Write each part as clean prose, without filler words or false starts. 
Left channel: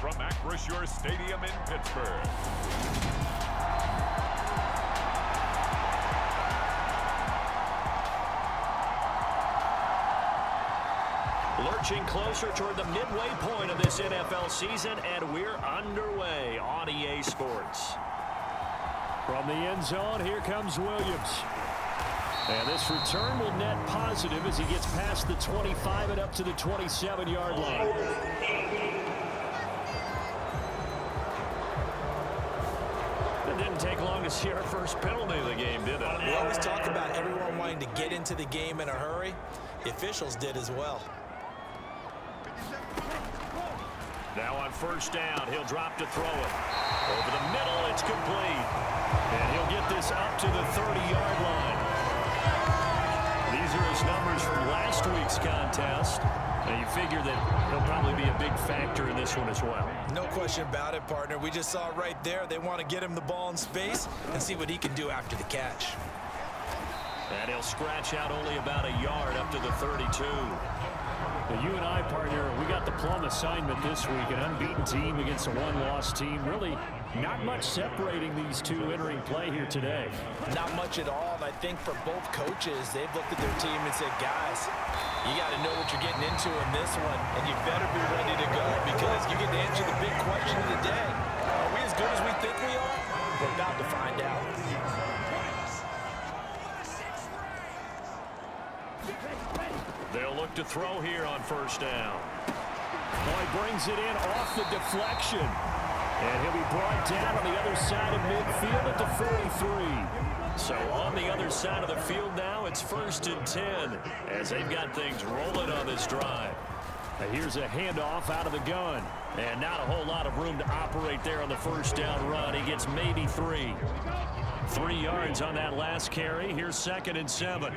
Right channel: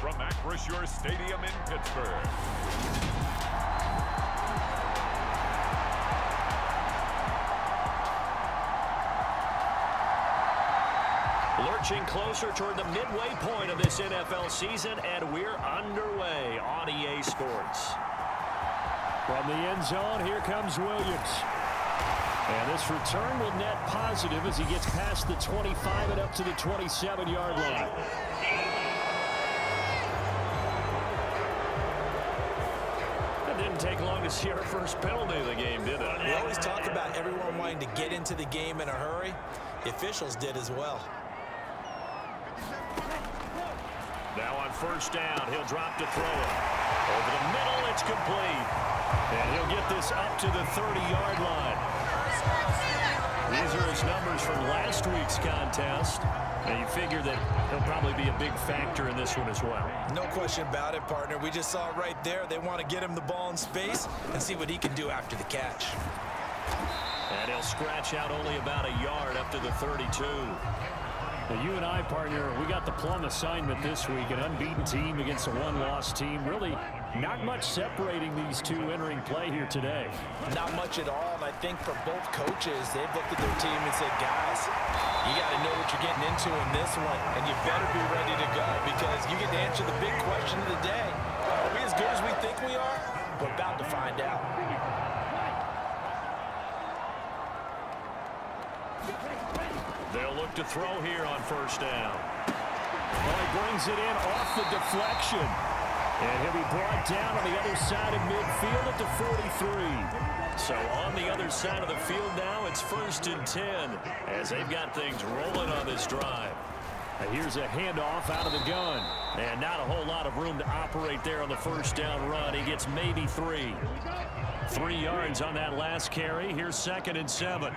from Acrisure Stadium in Pittsburgh. Lurching closer toward the midway point of this NFL season, and we're underway on EA Sports. From the end zone, here comes Williams. And this return will net positive as he gets past the 25 and up to the 27-yard line. It didn't take long to see our first penalty of the game, did it? We always talk about everyone wanting to get into the game in a hurry. The officials did as well. Now on first down, he'll drop to throw it. Over the middle, it's complete. And he'll get this up to the 30-yard line. These are his numbers from last week's contest. Now you figure that he'll probably be a big factor in this one as well. No question about it, partner. We just saw it right there. They want to get him the ball in space and see what he can do after the catch. And he'll scratch out only about a yard up to the 32. Now, you and I, partner, we got the plum assignment this week. An unbeaten team against a one-loss team. Really not much separating these two entering play here today. Not much at all, and I think for both coaches, they've looked at their team and said, guys, you got to know what you're getting into in this one, and you better be ready to go because you get to answer the big question of the day. Are we as good as we think we are? We're about to find out. They'll look to throw here on first down. Well, he brings it in off the deflection. And he'll be brought down on the other side of midfield at the 43. So on the other side of the field now, it's 1st and 10 as they've got things rolling on this drive. Now here's a handoff out of the gun. And not a whole lot of room to operate there on the first down run. He gets maybe 3. 3 yards on that last carry. Here's 2nd and 7.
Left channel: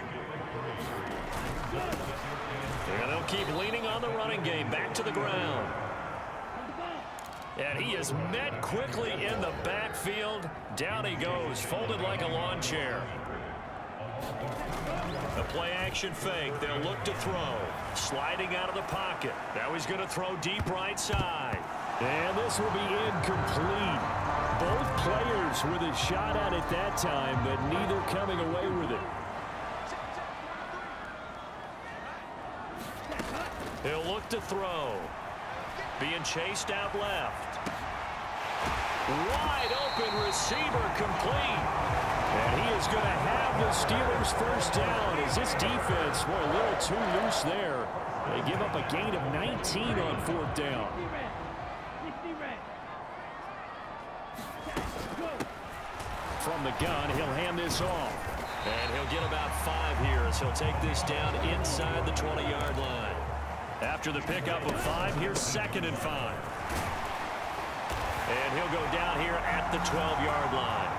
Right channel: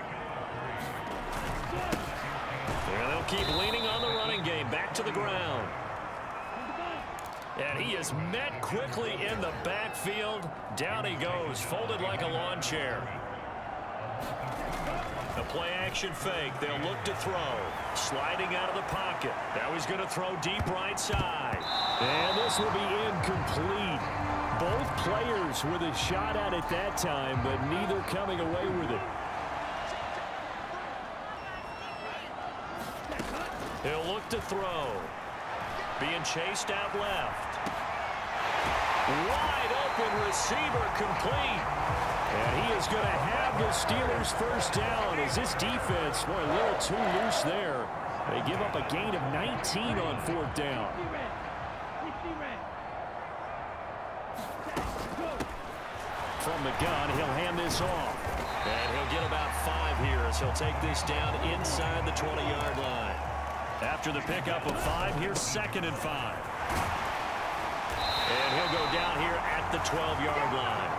And they'll keep leaning on the running game. Back to the ground. And he is met quickly in the backfield. Down he goes, folded like a lawn chair. A play-action fake. They'll look to throw. Sliding out of the pocket. Now he's going to throw deep right side. And this will be incomplete. Both players with a shot at it that time, but neither coming away with it. He'll look to throw. Being chased out left. Wide open receiver complete. And he is going to have the Steelers first down as this defense, boy, a little too loose there. They give up a gain of 19 on 4th down. From the gun, he'll hand this off. And he'll get about 5 here as he'll take this down inside the 20-yard line. After the pickup of 5, here's 2nd and 5. And he'll go down here at the 12-yard line.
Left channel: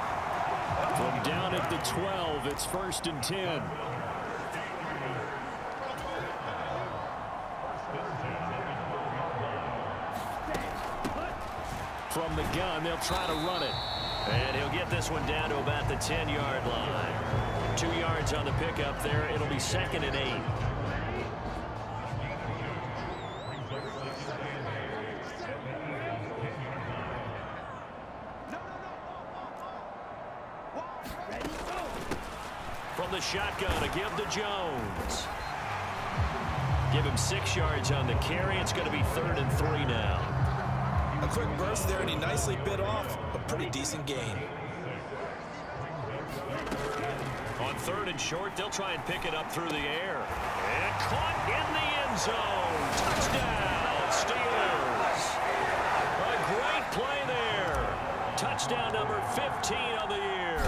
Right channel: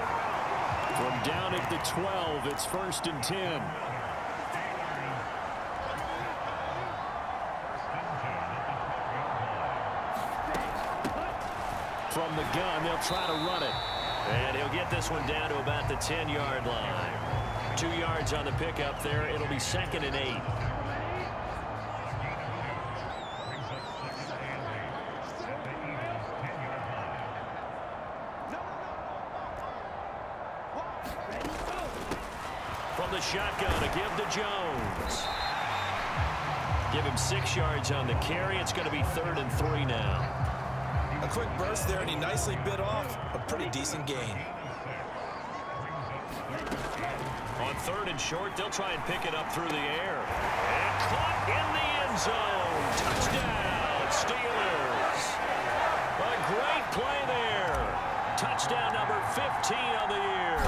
From down at the 12, it's 1st and 10. From the gun, they'll try to run it. And he'll get this one down to about the 10-yard line. 2 yards on the pickup there. It'll be 2nd and 8. From the shotgun, a give to Jones. Give him 6 yards on the carry. It's going to be 3rd and 3 now. A quick burst there, and he nicely bit off a pretty decent gain. On 3rd and short, they'll try and pick it up through the air. And caught in the end zone. Touchdown, Steelers. A great play there. Touchdown number 15 on the year.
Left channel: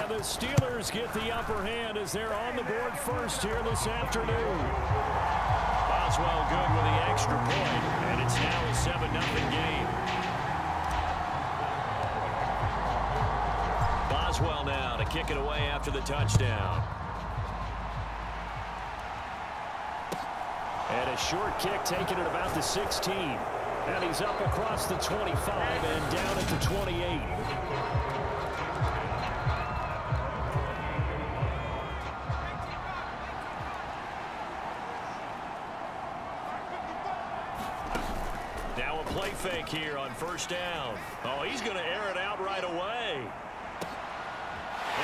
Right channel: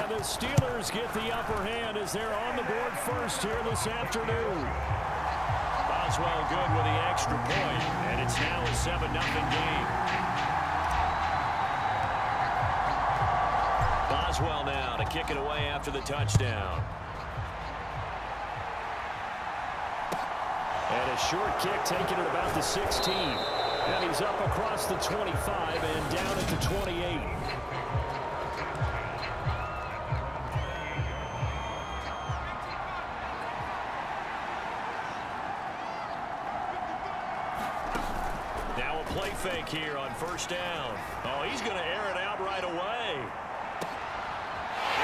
And the Steelers get the upper hand as they're on the board first here this afternoon. Boswell good with the extra point, and it's now a 7-0 game. Boswell now to kick it away after the touchdown. And a short kick taken at about the 16. And he's up across the 25 and down at the 28. play fake here on first down. Oh, he's going to air it out right away.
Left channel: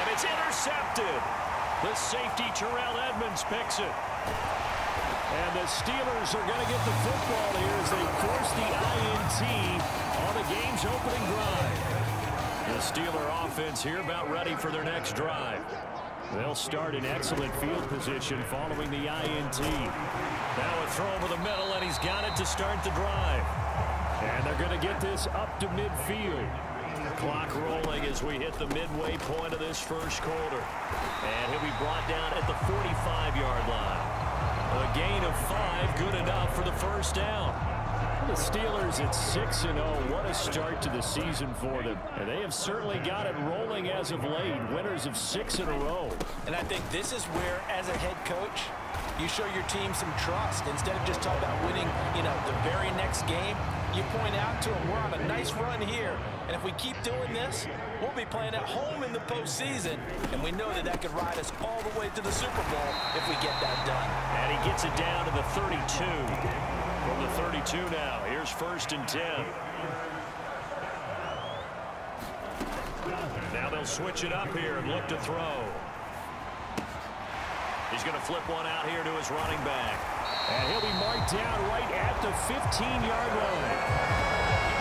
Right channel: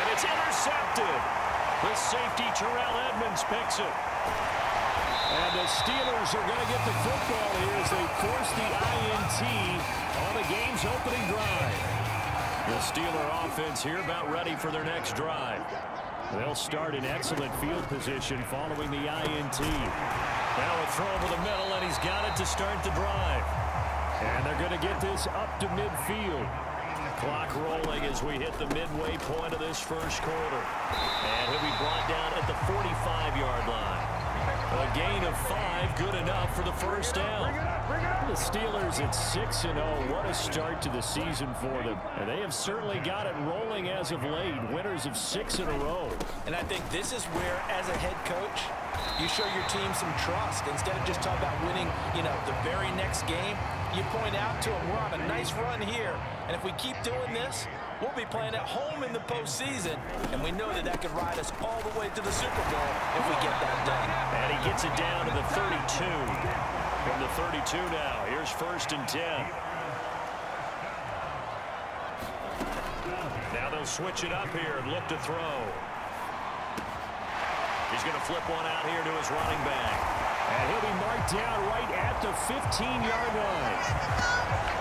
And it's intercepted. The safety, Terrell Edmonds, picks it. And the Steelers are going to get the football here as they force the INT on the game's opening drive. The Steeler offense here about ready for their next drive. They'll start in excellent field position following the INT. Now a throw over the middle, and he's got it to start the drive. And they're going to get this up to midfield. Clock rolling as we hit the midway point of this first quarter. And he'll be brought down at the 45-yard line. A gain of 5, good enough for the first down. The Steelers at 6-0. What a start to the season for them. And they have certainly got it rolling as of late. Winners of 6 in a row. And I think this is where, as a head coach, you show your team some trust. Instead of just talking about winning, the very next game, you point out to them, we're on a nice run here. And if we keep doing this, we'll be playing at home in the postseason. And we know that that could ride us all the way to the Super Bowl if we get that done. And he gets it down to the 32. From the 32 now, here's 1st and 10. Now they'll switch it up here and look to throw. He's going to flip one out here to his running back. And he'll be marked down right at the 15-yard line.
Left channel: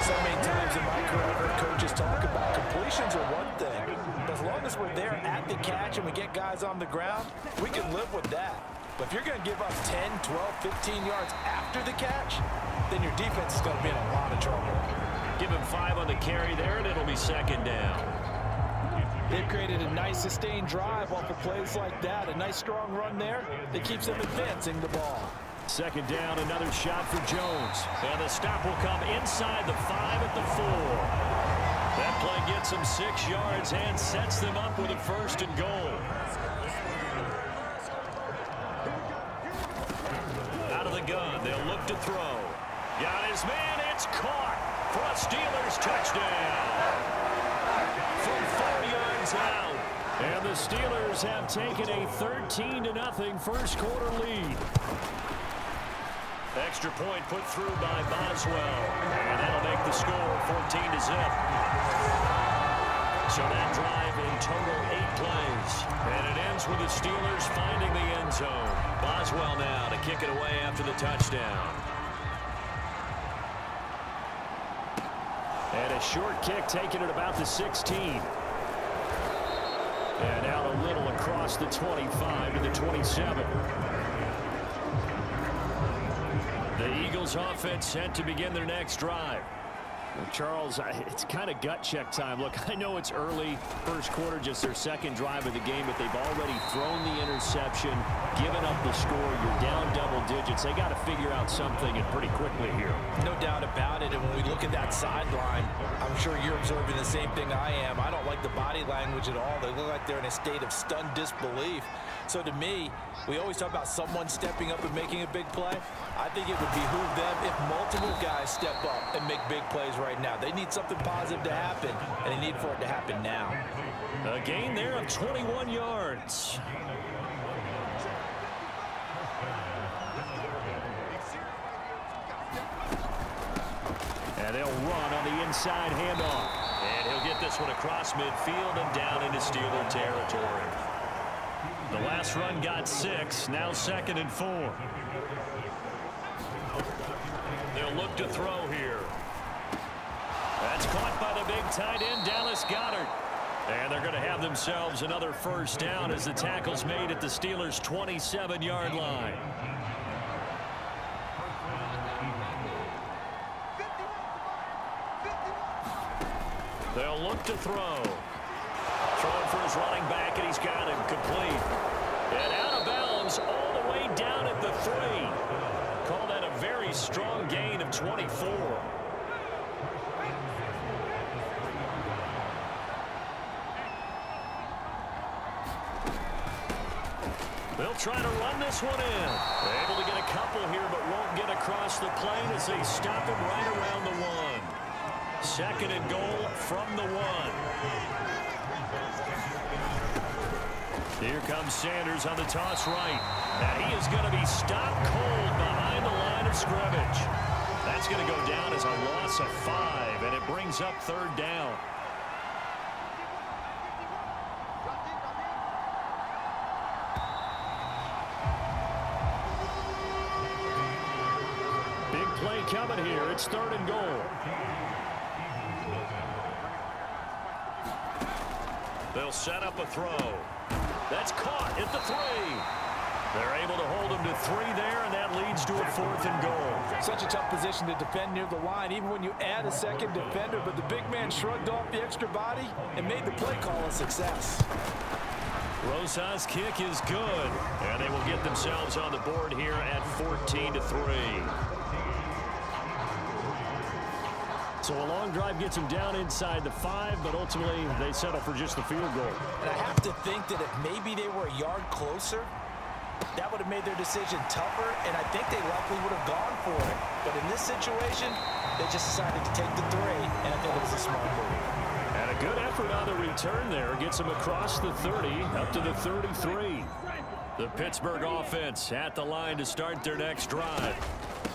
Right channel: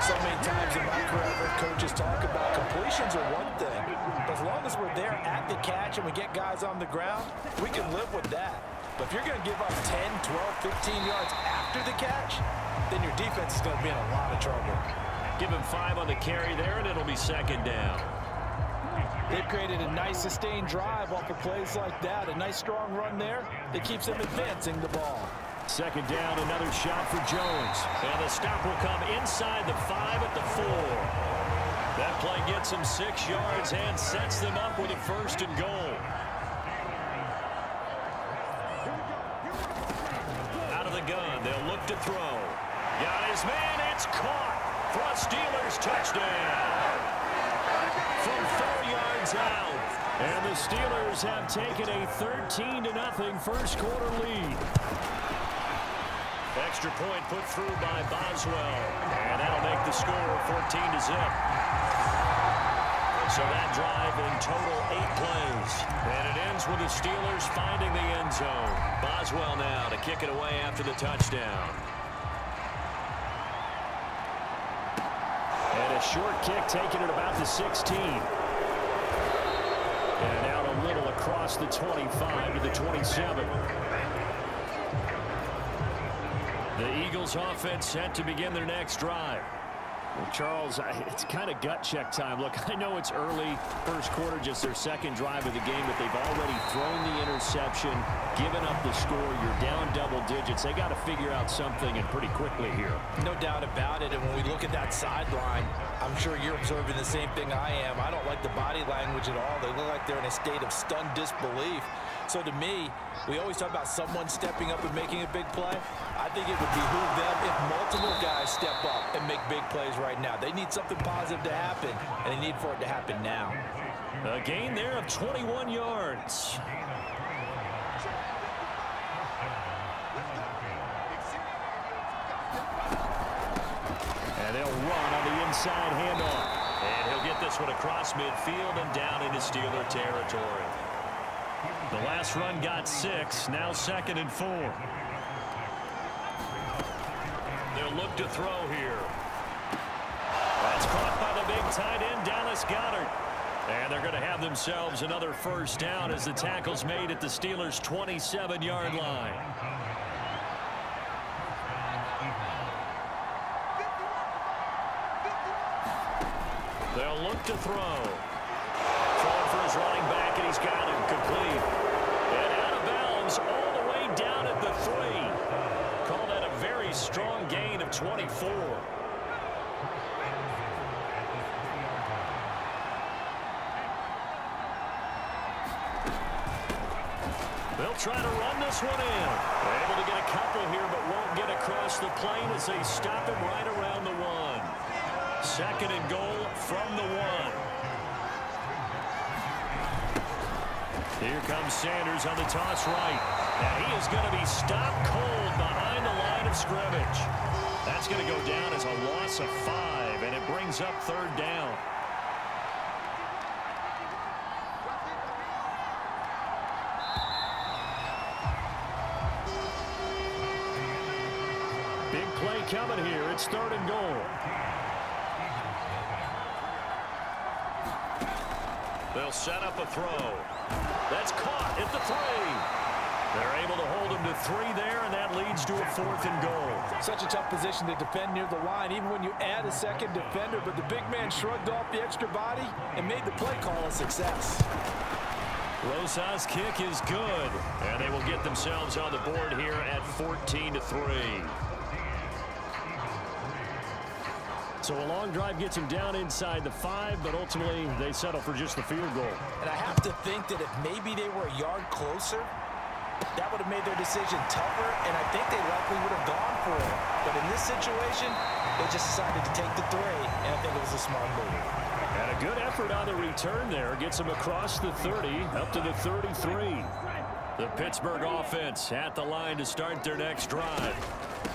So many times in my career, I've heard coaches talk about completions are one thing. But as long as we're there at the catch and we get guys on the ground, we can live with that. But if you're going to give up 10, 12, 15 yards after the catch, then your defense is going to be in a lot of trouble. Give him 5 on the carry there, and it'll be 2nd down. They've created a nice sustained drive off of plays like that. A nice strong run there that keeps them advancing the ball. 2nd down, another shot for Jones. And the stop will come inside the 5 at the 4. That play gets them 6 yards and sets them up with a 1st and goal. Out of the gun, they'll look to throw. Got his man, it's caught for a Steelers touchdown. From 4 yards out. And the Steelers have taken a 13-0 first quarter lead. Extra point put through by Boswell. And that'll make the score 14-0. So that drive in total 8 plays. And it ends with the Steelers finding the end zone. Boswell now to kick it away after the touchdown. And a short kick taken at about the 16. And out a little across the 25 to the 27. The Eagles offense set to begin their next drive. Well, Charles, it's kind of gut check time. Look, I know it's early, first quarter, just their 2nd drive of the game, but they've already thrown the interception, given up the score. You're down double digits. They got to figure out something, and pretty quickly here. No doubt about it. And when we look at that sideline, I'm sure you're observing the same thing I am. I don't like the body language at all. They look like they're in a state of stunned disbelief. So to me, we always talk about someone stepping up and making a big play. I think it would behoove them if multiple guys step up and make big plays right now. They need something positive to happen, and they need for it to happen now. A gain there of 21 yards. And they'll run on the inside handoff. And he'll get this one across midfield and down into Steeler territory. The last run got 6, now 2nd and 4. They'll look to throw here. That's caught by the big tight end, Dallas Goedert. And they're going to have themselves another 1st down as the tackle's made at the Steelers' 27-yard line. They'll look to throw. Throwing for his running back, and he's got him complete. And out of bounds all the way down at the 3. Call that a very strong gain of 24. They'll try to run this one in. Able to get a couple here, but won't get across the plane as they stop him right around the 1. 2nd and goal from the 1. Here comes Sanders on the toss right. And he is going to be stopped cold behind the line of scrimmage. That's going to go down as a loss of 5, and it brings up 3rd down. Big play coming here. It's 3rd and goal. They'll set up a throw. That's caught at the 3. They're able to hold him to 3 there, and that leads to a 4th and goal. Such a tough position to defend near the line, even when you add a second defender, but the big man shrugged off the extra body and made the play call a success. Rosas' kick is good, and they will get themselves on the board here at 14-3. So a long drive gets him down inside the 5, but ultimately they settle for just the field goal. And I have to think that if maybe they were a yard closer, that would have made their decision tougher, and I think they likely would have gone for it. But in this situation, they just decided to take the 3, and I think it was a smart move. And a good effort on the return there. Gets him across the 30, up to the 33. The Pittsburgh offense at the line to start their next drive.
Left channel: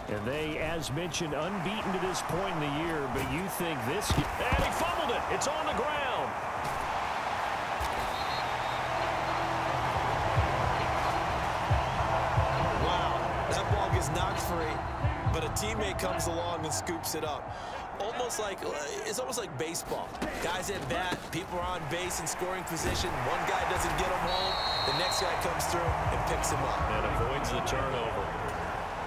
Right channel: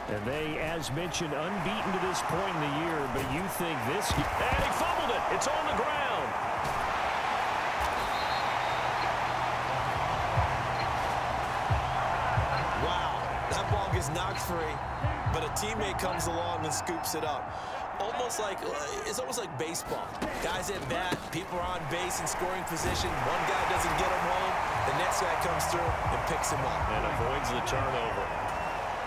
And they, as mentioned, unbeaten to this point in the year, but you think this... And he fumbled it. It's on the ground. Wow, that ball gets knocked free, but a teammate comes along and scoops it up. It's almost like baseball. Guys at bat, people are on base in scoring position. One guy doesn't get him home. The next guy comes through and picks him up. And avoids the turnover.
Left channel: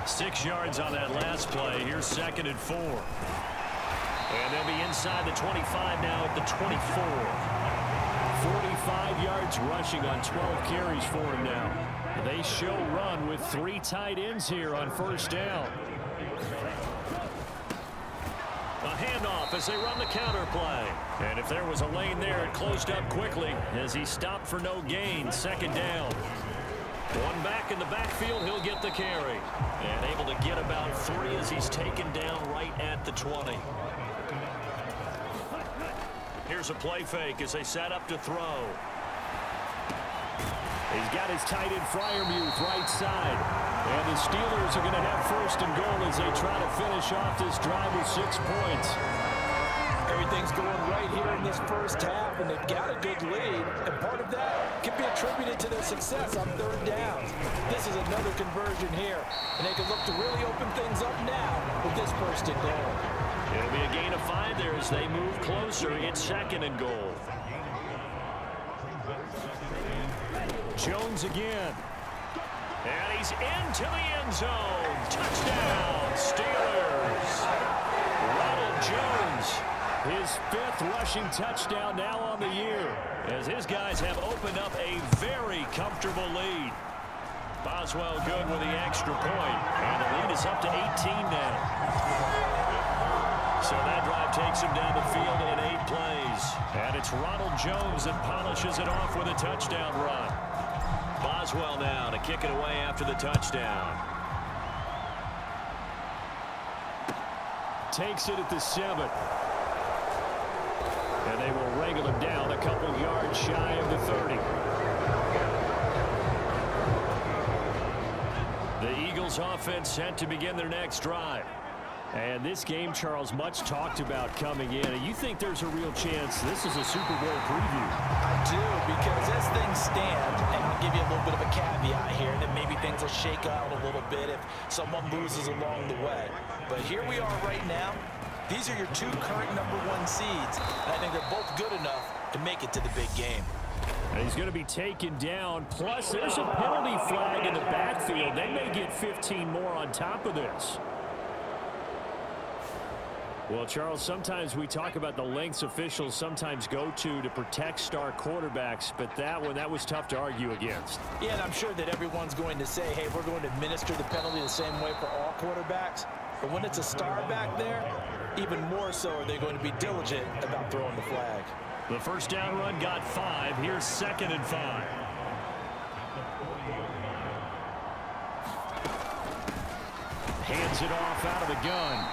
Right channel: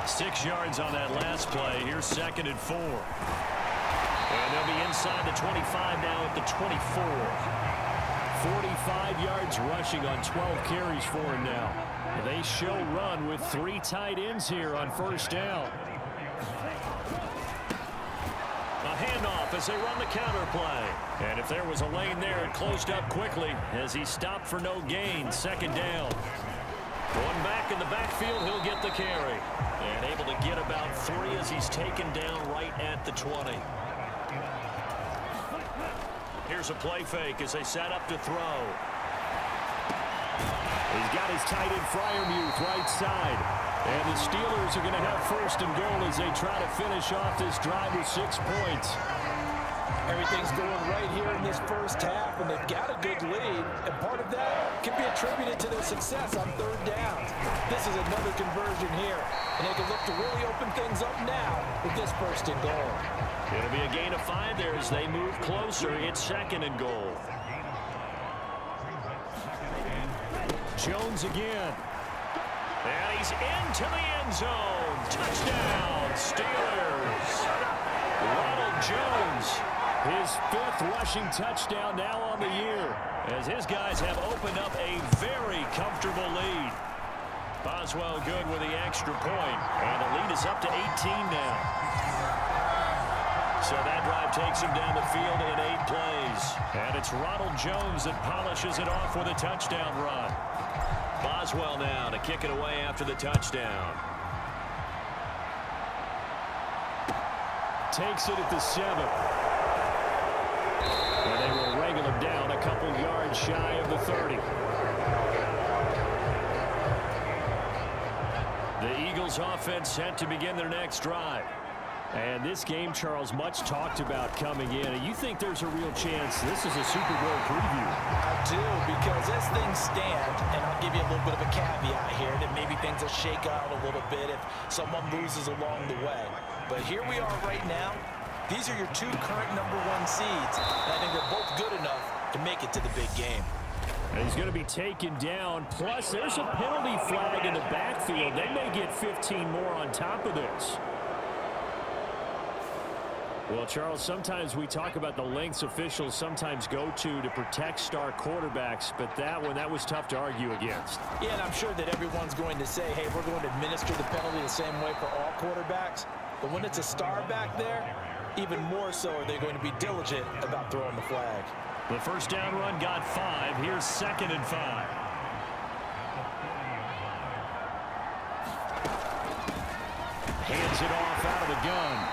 6 yards on that last play. Here's 2nd and 4. And they'll be inside the 25 now at the 24. 45 yards rushing on 12 carries for him now. They show run with 3 tight ends here on 1st down. A handoff as they run the counter play. And if there was a lane there, it closed up quickly as he stopped for no gain. 2nd down. One back in the backfield, he'll get the carry. And able to get about 3 as he's taken down right at the 20. Here's a play fake as they set up to throw. He's got his tight end Freiermuth right side. And the Steelers are going to have 1st and goal as they try to finish off this drive with 6 points. Everything's going right here in this first half, and they've got a good lead, and part of that can be attributed to their success on 3rd downs. This is another conversion here, and they can look to really open things up now with this 1st and goal. It'll be a gain of 5 there as they move closer. It's 2nd and goal. Jones again. And he's into the end zone. Touchdown, Steelers. Ronald Jones. His 5th rushing touchdown now on the year, as his guys have opened up a very comfortable lead. Boswell good with the extra point, and the lead is up to 18 now. So that drive takes him down the field in 8 plays. And it's Ronald Jones that polishes it off with a touchdown run. Boswell now to kick it away after the touchdown. Takes it at the 7. And they will wrangle him down a couple yards shy of the 30. The Eagles offense set to begin their next drive. And this game, Charles, much talked about coming in. And you think there's a real chance this is a Super Bowl preview? I do, because as things stand, and I'll give you a little bit of a caveat here, that maybe things will shake out a little bit if someone loses along the way. But here we are right now. These are your 2 current #1 seeds, and I think they're both good enough to make it to the big game. And he's going to be taken down. Plus, there's a penalty flag in the backfield. They may get 15 more on top of this. Well, Charles, sometimes we talk about the lengths officials sometimes go to protect star quarterbacks, but that was tough to argue against. Yeah, and I'm sure that everyone's going to say, hey, we're going to administer the penalty the same way for all quarterbacks. But when it's a star back there, even more so are they going to be diligent about throwing the flag. The 1st down run got 5. Here's 2nd and 5. Hands it off out of the gun.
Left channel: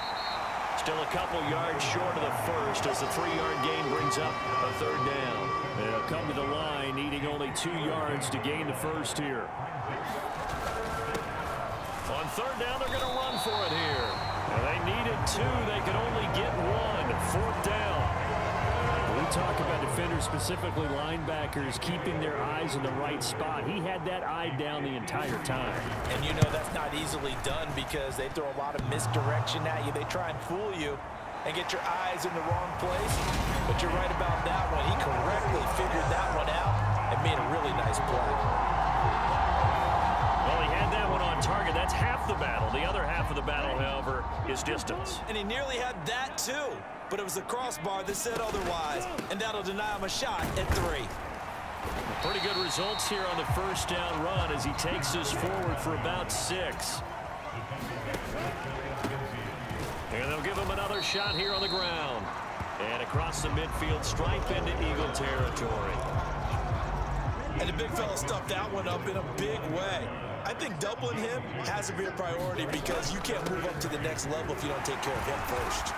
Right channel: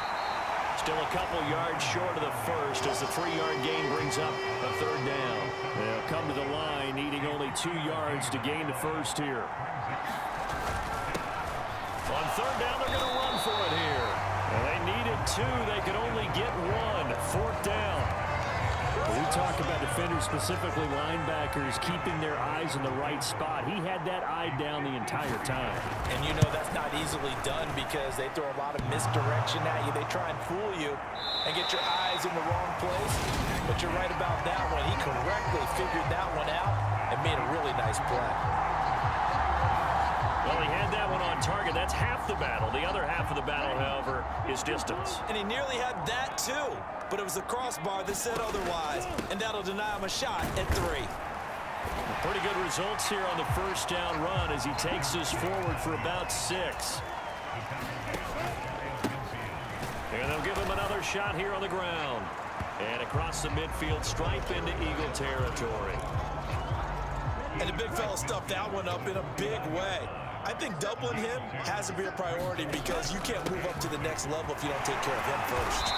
Still a couple yards short of the 1st as the 3-yard gain brings up a 3rd down. They'll come to the line needing only 2 yards to gain the 1st here. On 3rd down, they're going to run for it here. And they needed 2. They could only get 1. 4th down. We talk about defenders, specifically linebackers, keeping their eyes in the right spot. He had that eye down the entire time. And you know that's not easily done because they throw a lot of misdirection at you. They try and fool you and get your eyes in the wrong place. But you're right about that one. He correctly figured that one out and made a really nice play. Well, he had that one on target. That's half the battle. The other half of the battle, however, is distance. And he nearly had that too. But it was the crossbar that said otherwise. And that'll deny him a shot at 3. Pretty good results here on the first down run as he takes us forward for about 6. And they'll give him another shot here on the ground. And across the midfield stripe into Eagle territory. And the big fella stuffed that one up in a big way. I think doubling him has to be a priority because you can't move up to the next level if you don't take care of him first.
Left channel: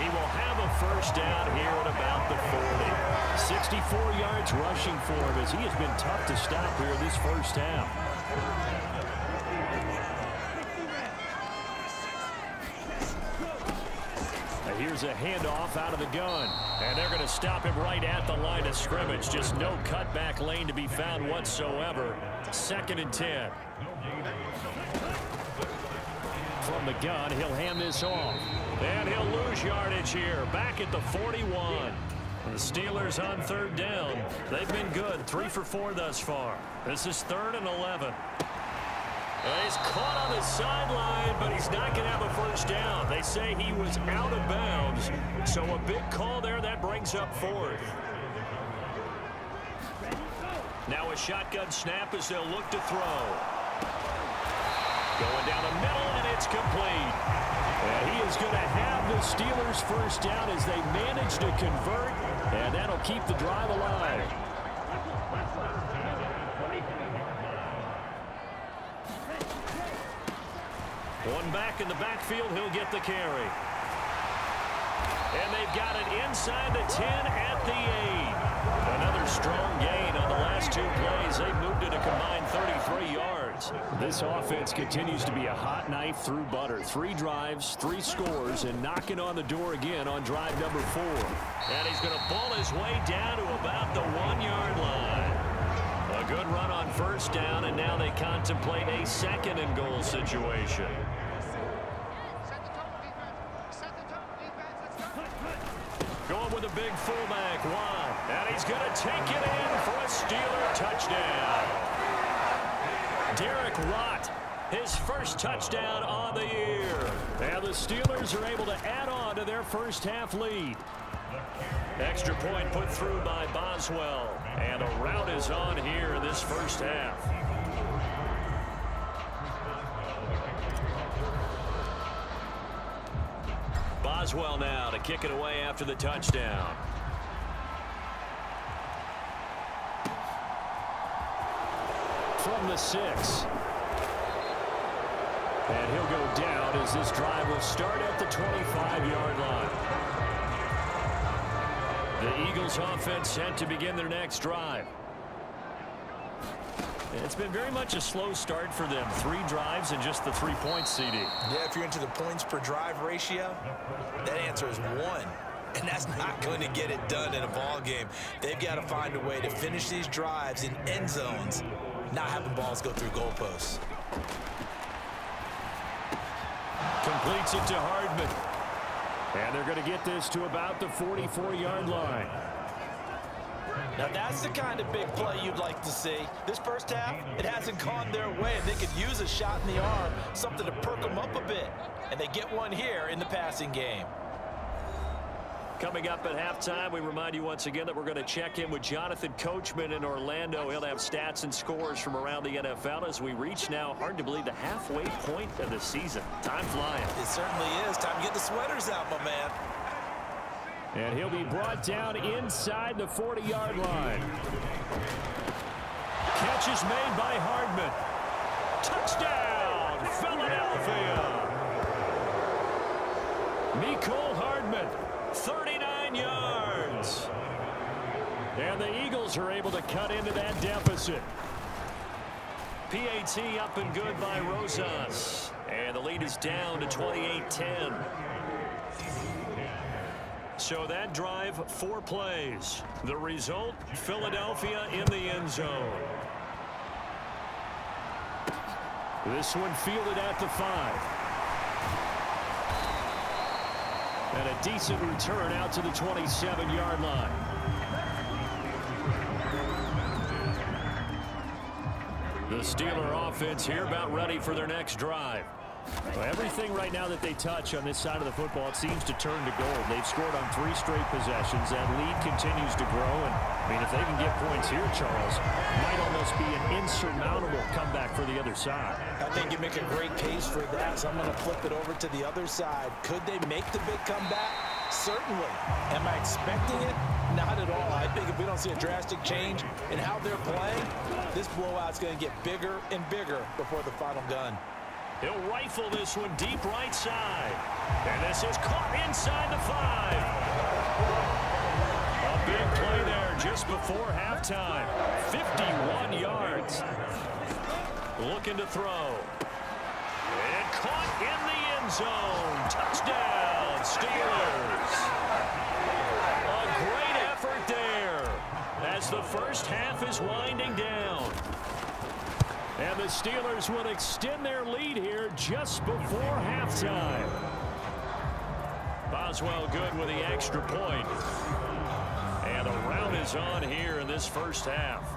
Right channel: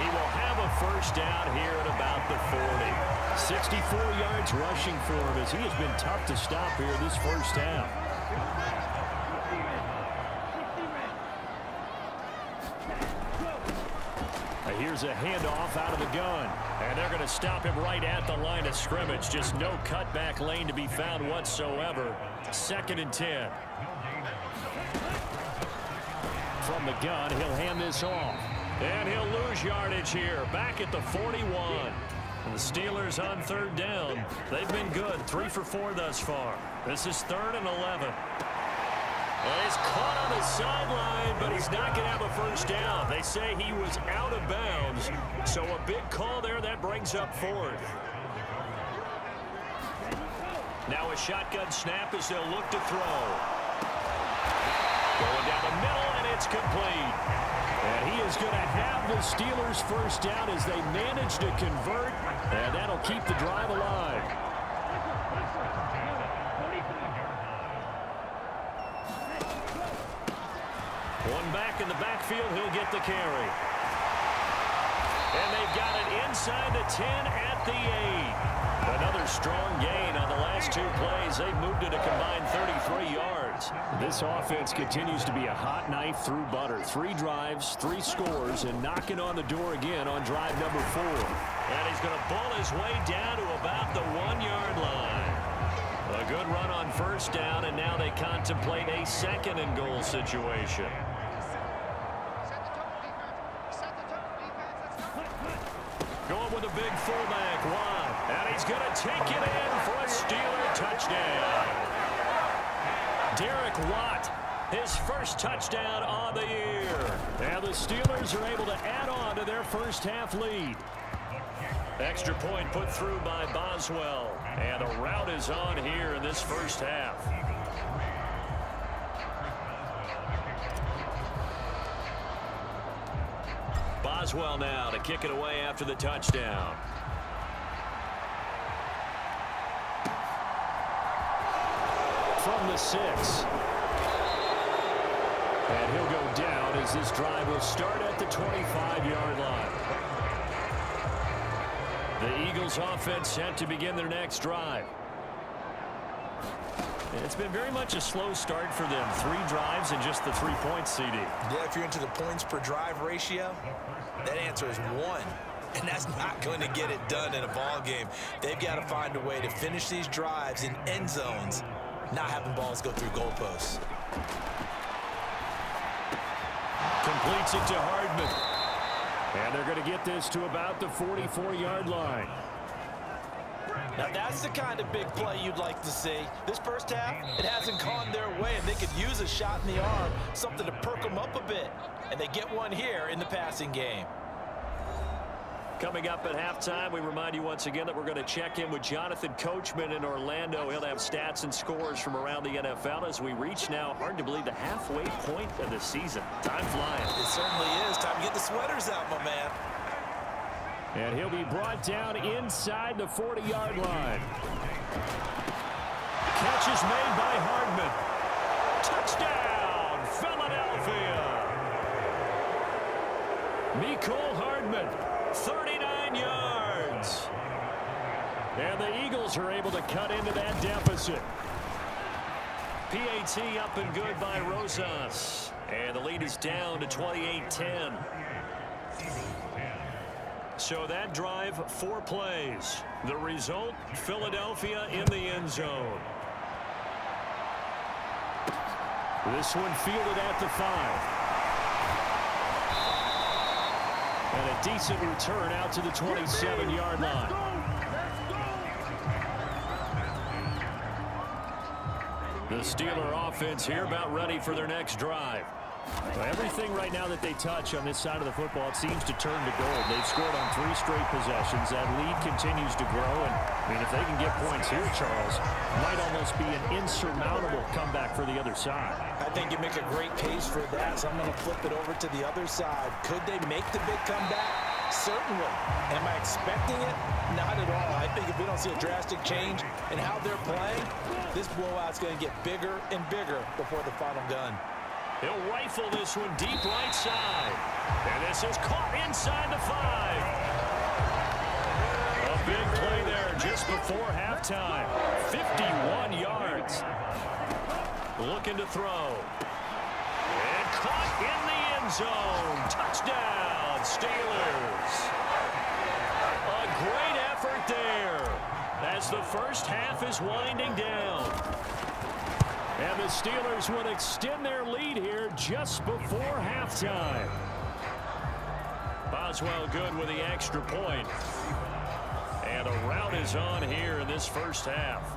He will have a first down here at about the 40. 64 yards rushing for him as he has been tough to stop here this first half. Here's a handoff out of the gun. And they're going to stop him right at the line of scrimmage. Just no cutback lane to be found whatsoever. 2nd and 10. From the gun, he'll hand this off. And he'll lose yardage here. Back at the 41. And the Steelers on 3rd down. They've been good. 3 for 4 thus far. This is 3rd and 11. And he's caught on the sideline, but he's not going to have a first down. They say he was out of bounds. So a big call there. That brings up 4th. Now a shotgun snap as they'll look to throw. Going down the middle, and it's complete. And he is going to have the Steelers first down as they manage to convert. And that'll keep the drive alive. One back in the backfield, he'll get the carry. And they've got it inside the 10 at the 8. Another strong gain on the last 2 plays. They've moved it a combined 33 yards. This offense continues to be a hot knife through butter. 3 drives, 3 scores, and knocking on the door again on drive number 4. And he's going to ball his way down to about the 1-yard line. A good run on first down, and now they contemplate a 2nd and goal situation. Going with a big fullback, Watt. And he's going to take it in for a Steeler touchdown. Derek Watt, his first touchdown on the year. And the Steelers are able to add on to their first half lead. Extra point put through by Boswell. And a rout is on here in this first half. Boswell now to kick it away after the touchdown. From the 6. And he'll go down as this drive will start at the 25-yard line. The Eagles offense set to begin their next drive. It's been very much a slow start for them. 3 drives and just the 3 points, CD. Yeah, if you're into the points per drive ratio, that answer is 1. And that's not going to get it done in a ball game. They've got to find a way to finish these drives in end zones, not having balls go through goalposts. Completes it to Hardman. And they're going to get this to about the 44-yard line. Now that's the kind of big play you'd like to see. This first half, it hasn't gone their way, and they could use a shot in the arm, something to perk them up a bit. And they get one here in the passing game. Coming up at halftime, we remind you once again that we're going to check in with Jonathan Coachman in Orlando. He'll have stats and scores from around the NFL as we reach now, hard to believe, the halfway point of the season. Time flying. It certainly is. Time to get the sweaters out, my man. And he'll be brought down inside the 40-yard line. Catch is made by Hardman. Touchdown, Philadelphia. Mecole Hardman, 39 yards. And the Eagles are able to cut into that deficit. PAT up and good by Rosas. And the lead is down to 28-10. So that drive, 4 plays. The result, Philadelphia in the end zone. This one fielded at the 5. And a decent return out to the 27-yard line. The Steeler offense here about ready for their next drive. Well, everything right now that they touch on this side of the football, it seems to turn to gold. They've scored on 3 straight possessions. That lead continues to grow. And, I mean, if they can get points here, Charles, might almost be an insurmountable comeback for the other side. I think you make a great case for that, so I'm going to flip it over to the other side. Could they make the big comeback? Certainly. Am I expecting it? Not at all. I think if we don't see a drastic change in how they're playing, this blowout's going to get bigger and bigger before the final gun. He'll rifle this one deep right side. And this is caught inside the 5. A big play there just before halftime. 51 yards. Looking to throw. And caught in the end zone. Touchdown, Steelers. A great effort there as the first half is winding down. And the Steelers would extend their lead here just before halftime. Boswell good with the extra point. And the rout is on here in this first half.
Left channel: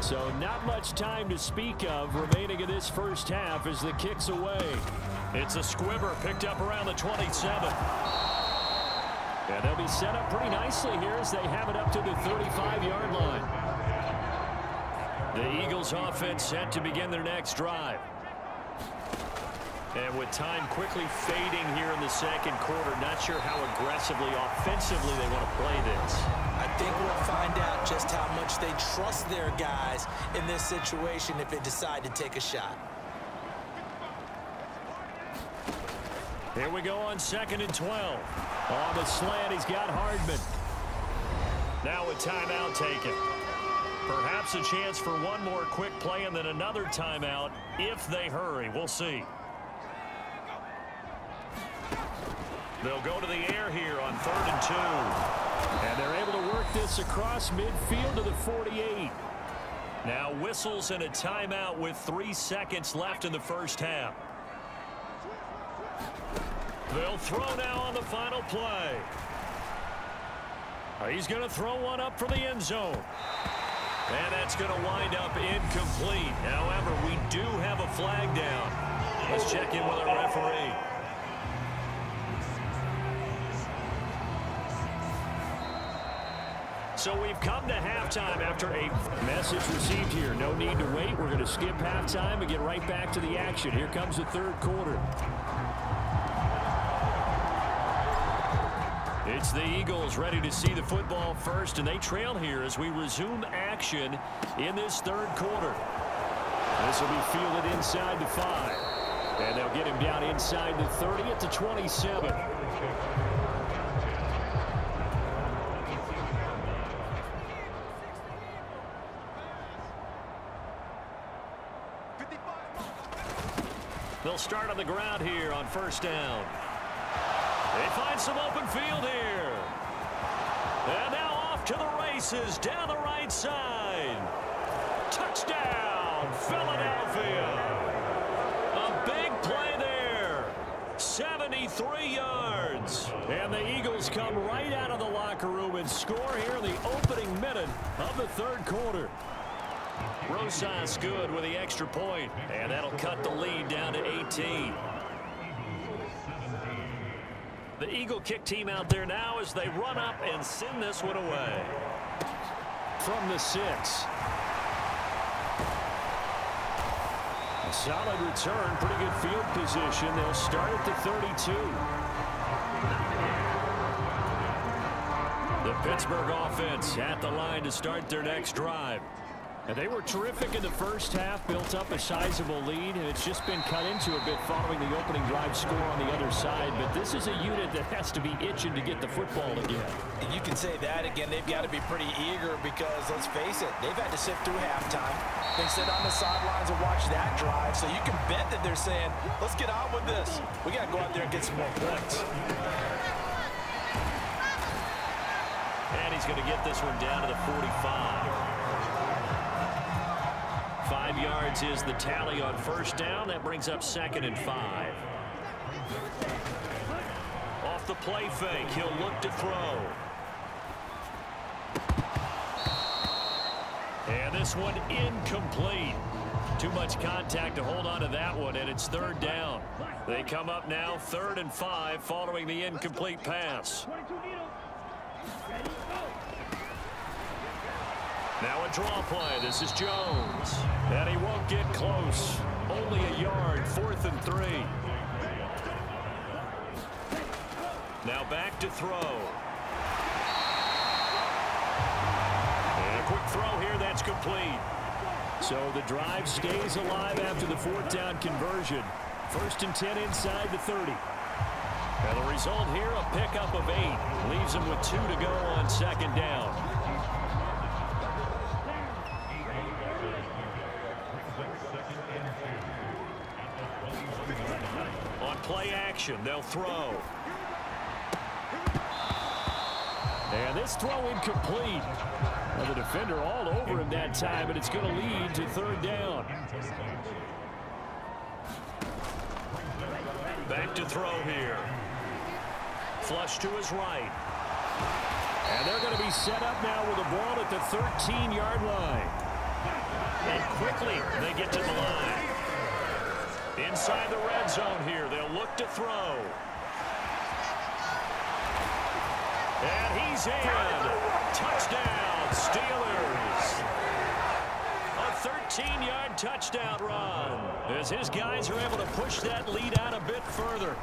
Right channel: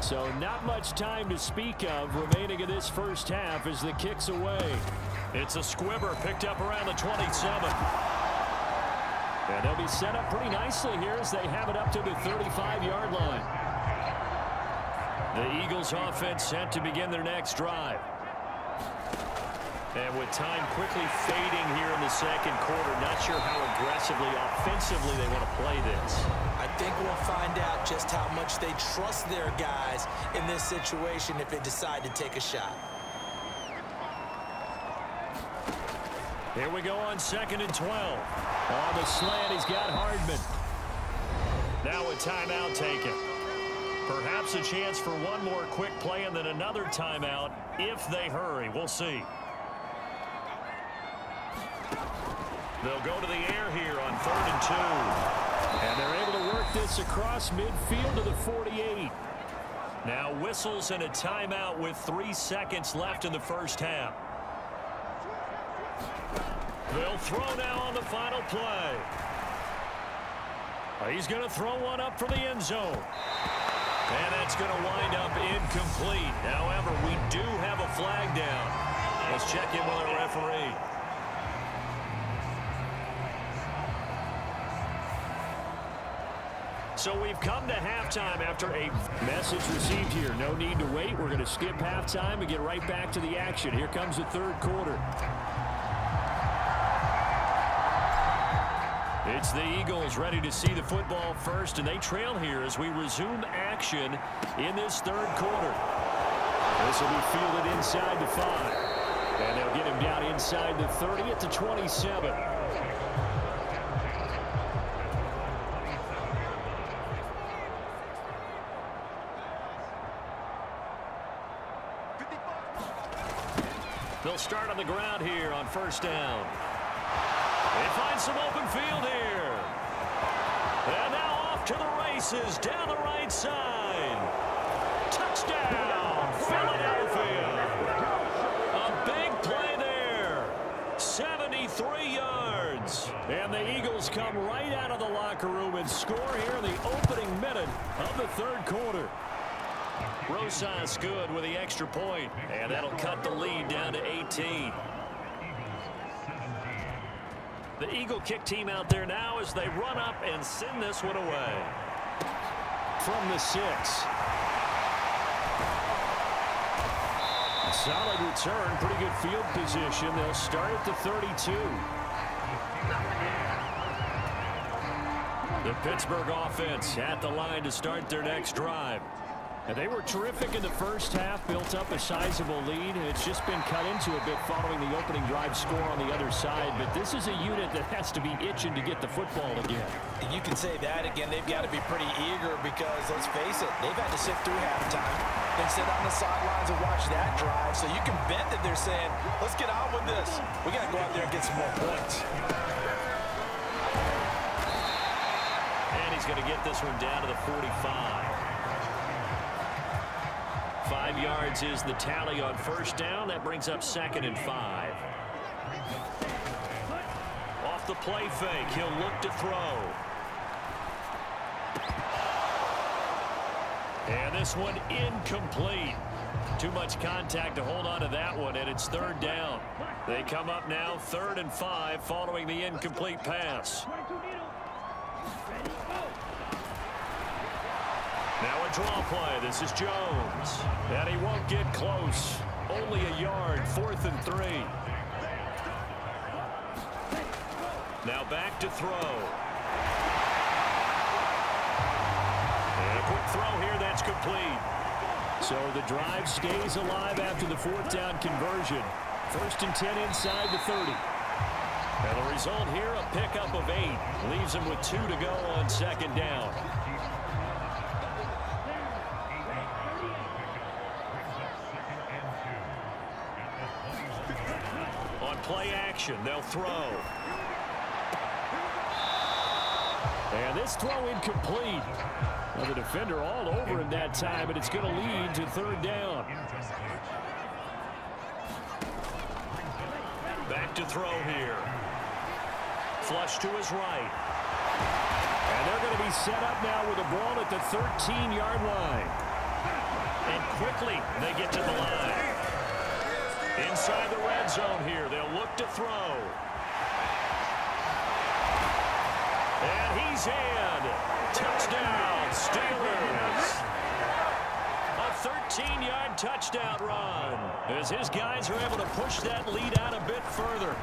So not much time to speak of remaining in this first half as the kick's away. It's a squibber picked up around the 27. And they'll be set up pretty nicely here as they have it up to the 35-yard line. The Eagles offense set to begin their next drive. And with time quickly fading here in the second quarter, not sure how aggressively, offensively they want to play this. I think we'll find out just how much they trust their guys in this situation if they decide to take a shot. Here we go on 2nd and 12. On the slant, he's got Hardman. Now a timeout taken. Perhaps a chance for one more quick play and then another timeout if they hurry. We'll see. They'll go to the air here on 3rd and 2. And they're able to work this across midfield to the 48. Now whistles and a timeout with 3 seconds left in the first half. They'll throw now on the final play. He's going to throw one up for the end zone. And that's going to wind up incomplete. However, we do have a flag down. Let's check in with our referee. So we've come to halftime after a message received here. No need to wait. We're going to skip halftime and get right back to the action. Here comes the third quarter. It's the Eagles ready to see the football first, and they trail here as we resume action in this third quarter. This will be fielded inside the 5. And they'll get him down inside the 30 at the 27. They'll start on the ground here on 1st down. They find some open field here. And now off to the races down the right side. Touchdown, Philadelphia. A big play there. 73 yards. And the Eagles come right out of the locker room and score here in the opening minute of the third quarter. Rosas good with the extra point. And that'll cut the lead down to 18. The Eagle kick team out there now as they run up and send this one away. From the 6. A solid return, pretty good field position. They'll start at the 32. The Pittsburgh offense at the line to start their next drive. And they were terrific in the first half, built up a sizable lead, and it's just been cut into a bit following the opening drive score on the other side. But this is a unit that has to be itching to get the football again. And you can say that again. They've got to be pretty eager because, let's face it, they've had to sit through halftime, then sit on the sidelines and watch that drive. So you can bet that they're saying, let's get on with this. We got to go out there and get some more points. And he's going to get this one down to the 45. 5 yards is the tally on first down. That brings up 2nd and 5. Off the play fake, he'll look to throw. And this one incomplete. Too much contact to hold on to that one, and it's 3rd down. They come up now 3rd and 5 following the incomplete pass. Now a draw play. This is Jones. And he won't get close. Only a yard. 4th and 3. Now back to throw. And a quick throw here. That's complete. So the drive stays alive after the 4th down conversion. 1st and 10 inside the 30. And the result here, a pickup of 8. Leaves them with 2 to go on 2nd down. On play action, they'll throw. And this throw incomplete. Well, the defender all over him that time, but it's going to lead to 3rd down. Back to throw here. Flush to his right. And they're going to be set up now with the ball at the 13-yard line. And quickly they get to the line. Inside the red zone here, they'll look to throw. And he's in. Touchdown, Steelers. A 13-yard touchdown run as his guys are able to push that lead out a bit further.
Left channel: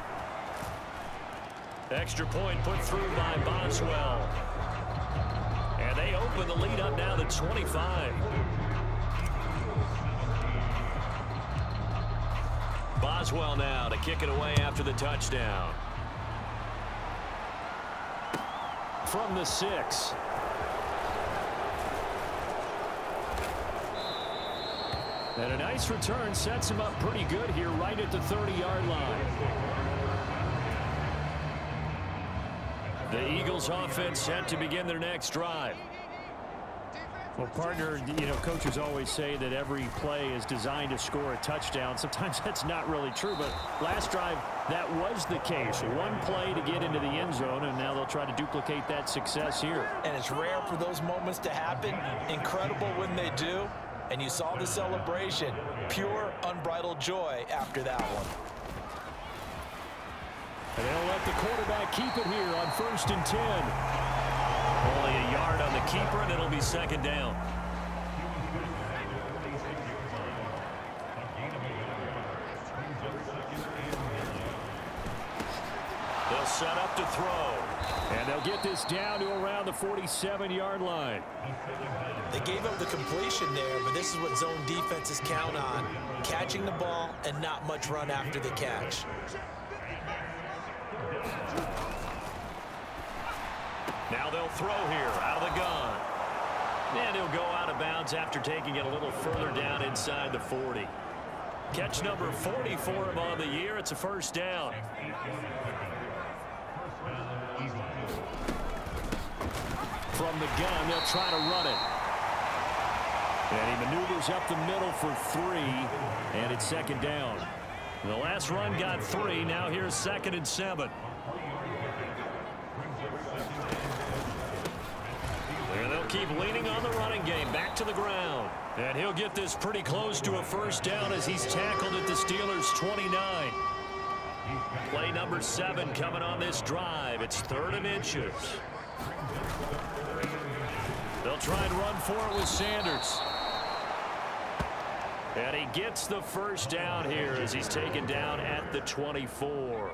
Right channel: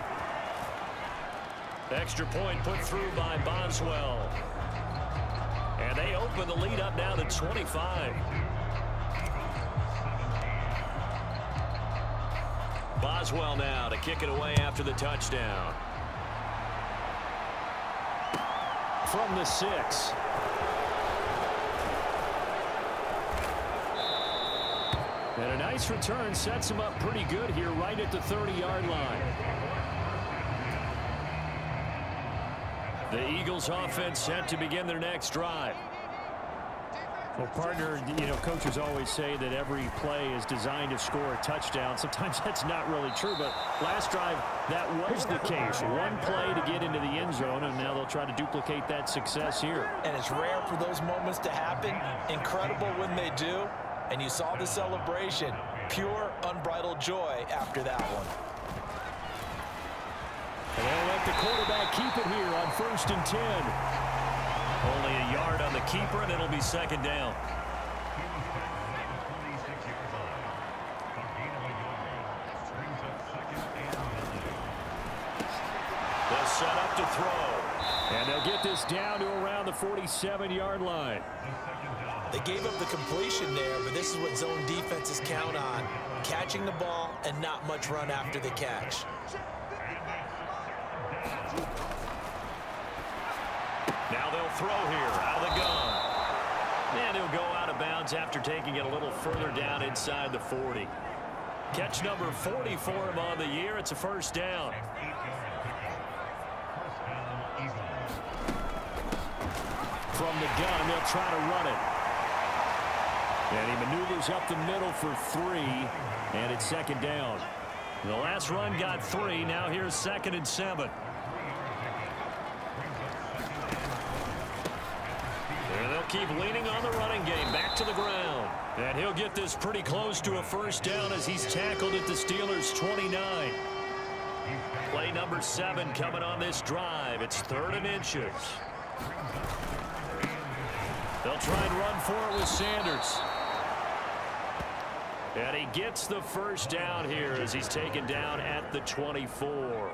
Extra point put through by Boswell. And they open the lead up now to 25. Boswell now to kick it away after the touchdown. From the 6. And a nice return sets him up pretty good here right at the 30-yard line. The Eagles offense set to begin their next drive. Well, partner, you know, coaches always say that every play is designed to score a touchdown. Sometimes that's not really true, but last drive, that was the case. One play to get into the end zone, and now they'll try to duplicate that success here. And it's rare for those moments to happen. Incredible when they do. And you saw the celebration. Pure, unbridled joy after that one. And they'll let the quarterback keep it here on 1st and 10. Only a yard on the keeper, and it'll be 2nd down. They'll set up to throw. And they'll get this down to around the 47-yard line. They gave up the completion there, but this is what zone defenses count on. Catching the ball and not much run after the catch. Now they'll throw here out of the gun. And he'll go out of bounds after taking it a little further down inside the 40. Catch number 40 for him on the year. It's a 1st down. From the gun, they'll try to run it. And he maneuvers up the middle for 3, and it's 2nd down. The last run got 3. Now here's 2nd and 7. And they'll keep leaning on the running game. Back to the ground. And he'll get this pretty close to a 1st down as he's tackled at the Steelers' 29. Play number 7 coming on this drive. It's 3rd and inches. They'll try and run for it with Sanders. And he gets the 1st down here as he's taken down at the 24.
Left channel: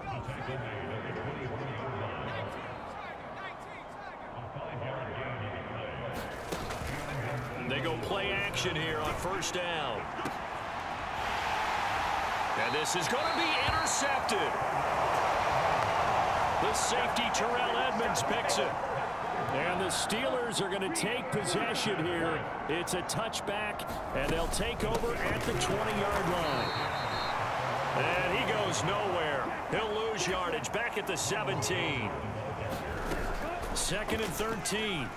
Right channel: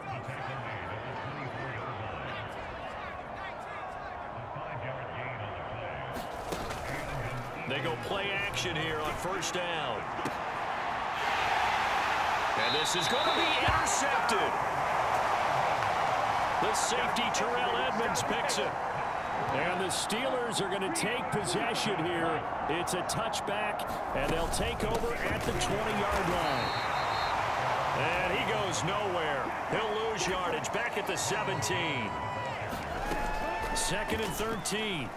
they go play action here on first down. And this is going to be intercepted. The safety, Terrell Edmonds, picks it. And the Steelers are going to take possession here. It's a touchback, and they'll take over at the 20-yard line. And he goes nowhere. He'll lose yardage back at the 17. 2nd and 13.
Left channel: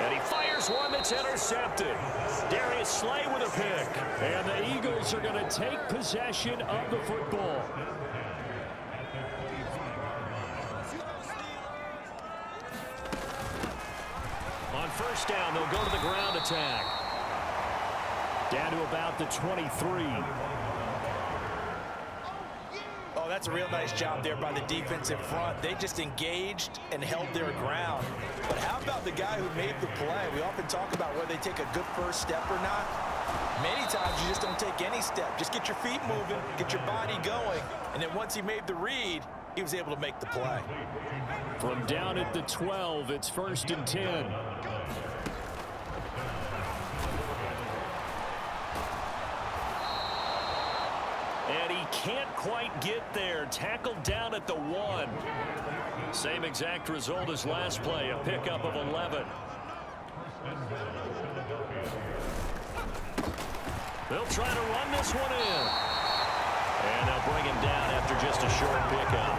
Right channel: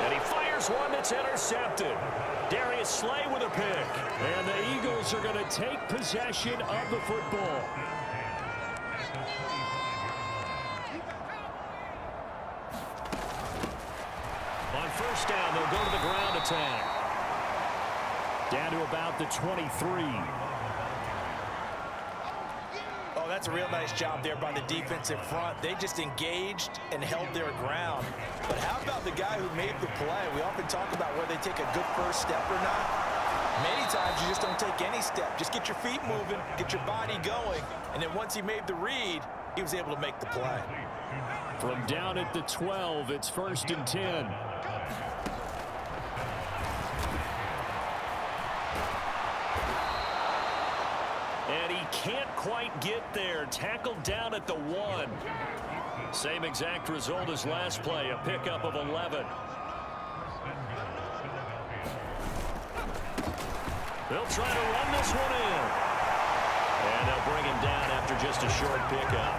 And he fires one that's intercepted. Darius Slay with a pick. And the Eagles are going to take possession of the football. On first down, they'll go to the ground attack. Down to about the 23. Oh, that's a real nice job there by the defensive front. They just engaged and held their ground. But how about the guy who made the play? We often talk about whether they take a good first step or not. Many times you just don't take any step. Just get your feet moving, get your body going, and then once he made the read, he was able to make the play. From down at the 12, it's 1st and 10. And he can't quite get there. Tackled down at the 1. Same exact result as last play, a pickup of 11. They'll try to run this one in. And they'll bring him down after just a short pickup.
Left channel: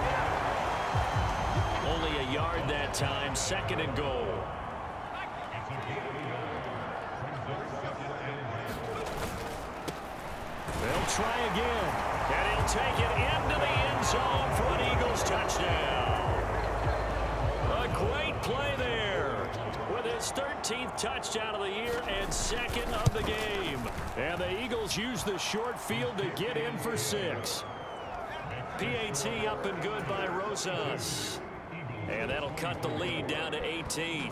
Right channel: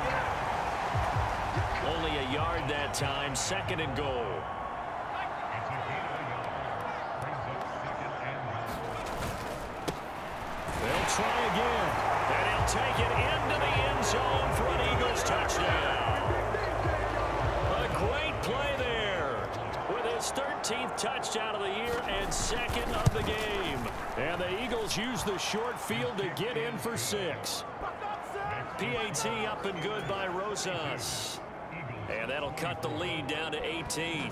Only a yard that time, 2nd and goal. They'll try again, and he'll take it into the end zone for an Eagles touchdown. A great play there with his 13th touchdown of the year and 2nd of the game. And the Eagles use the short field to get in for 6. PAT up and good by Rosas. And that'll cut the lead down to 18.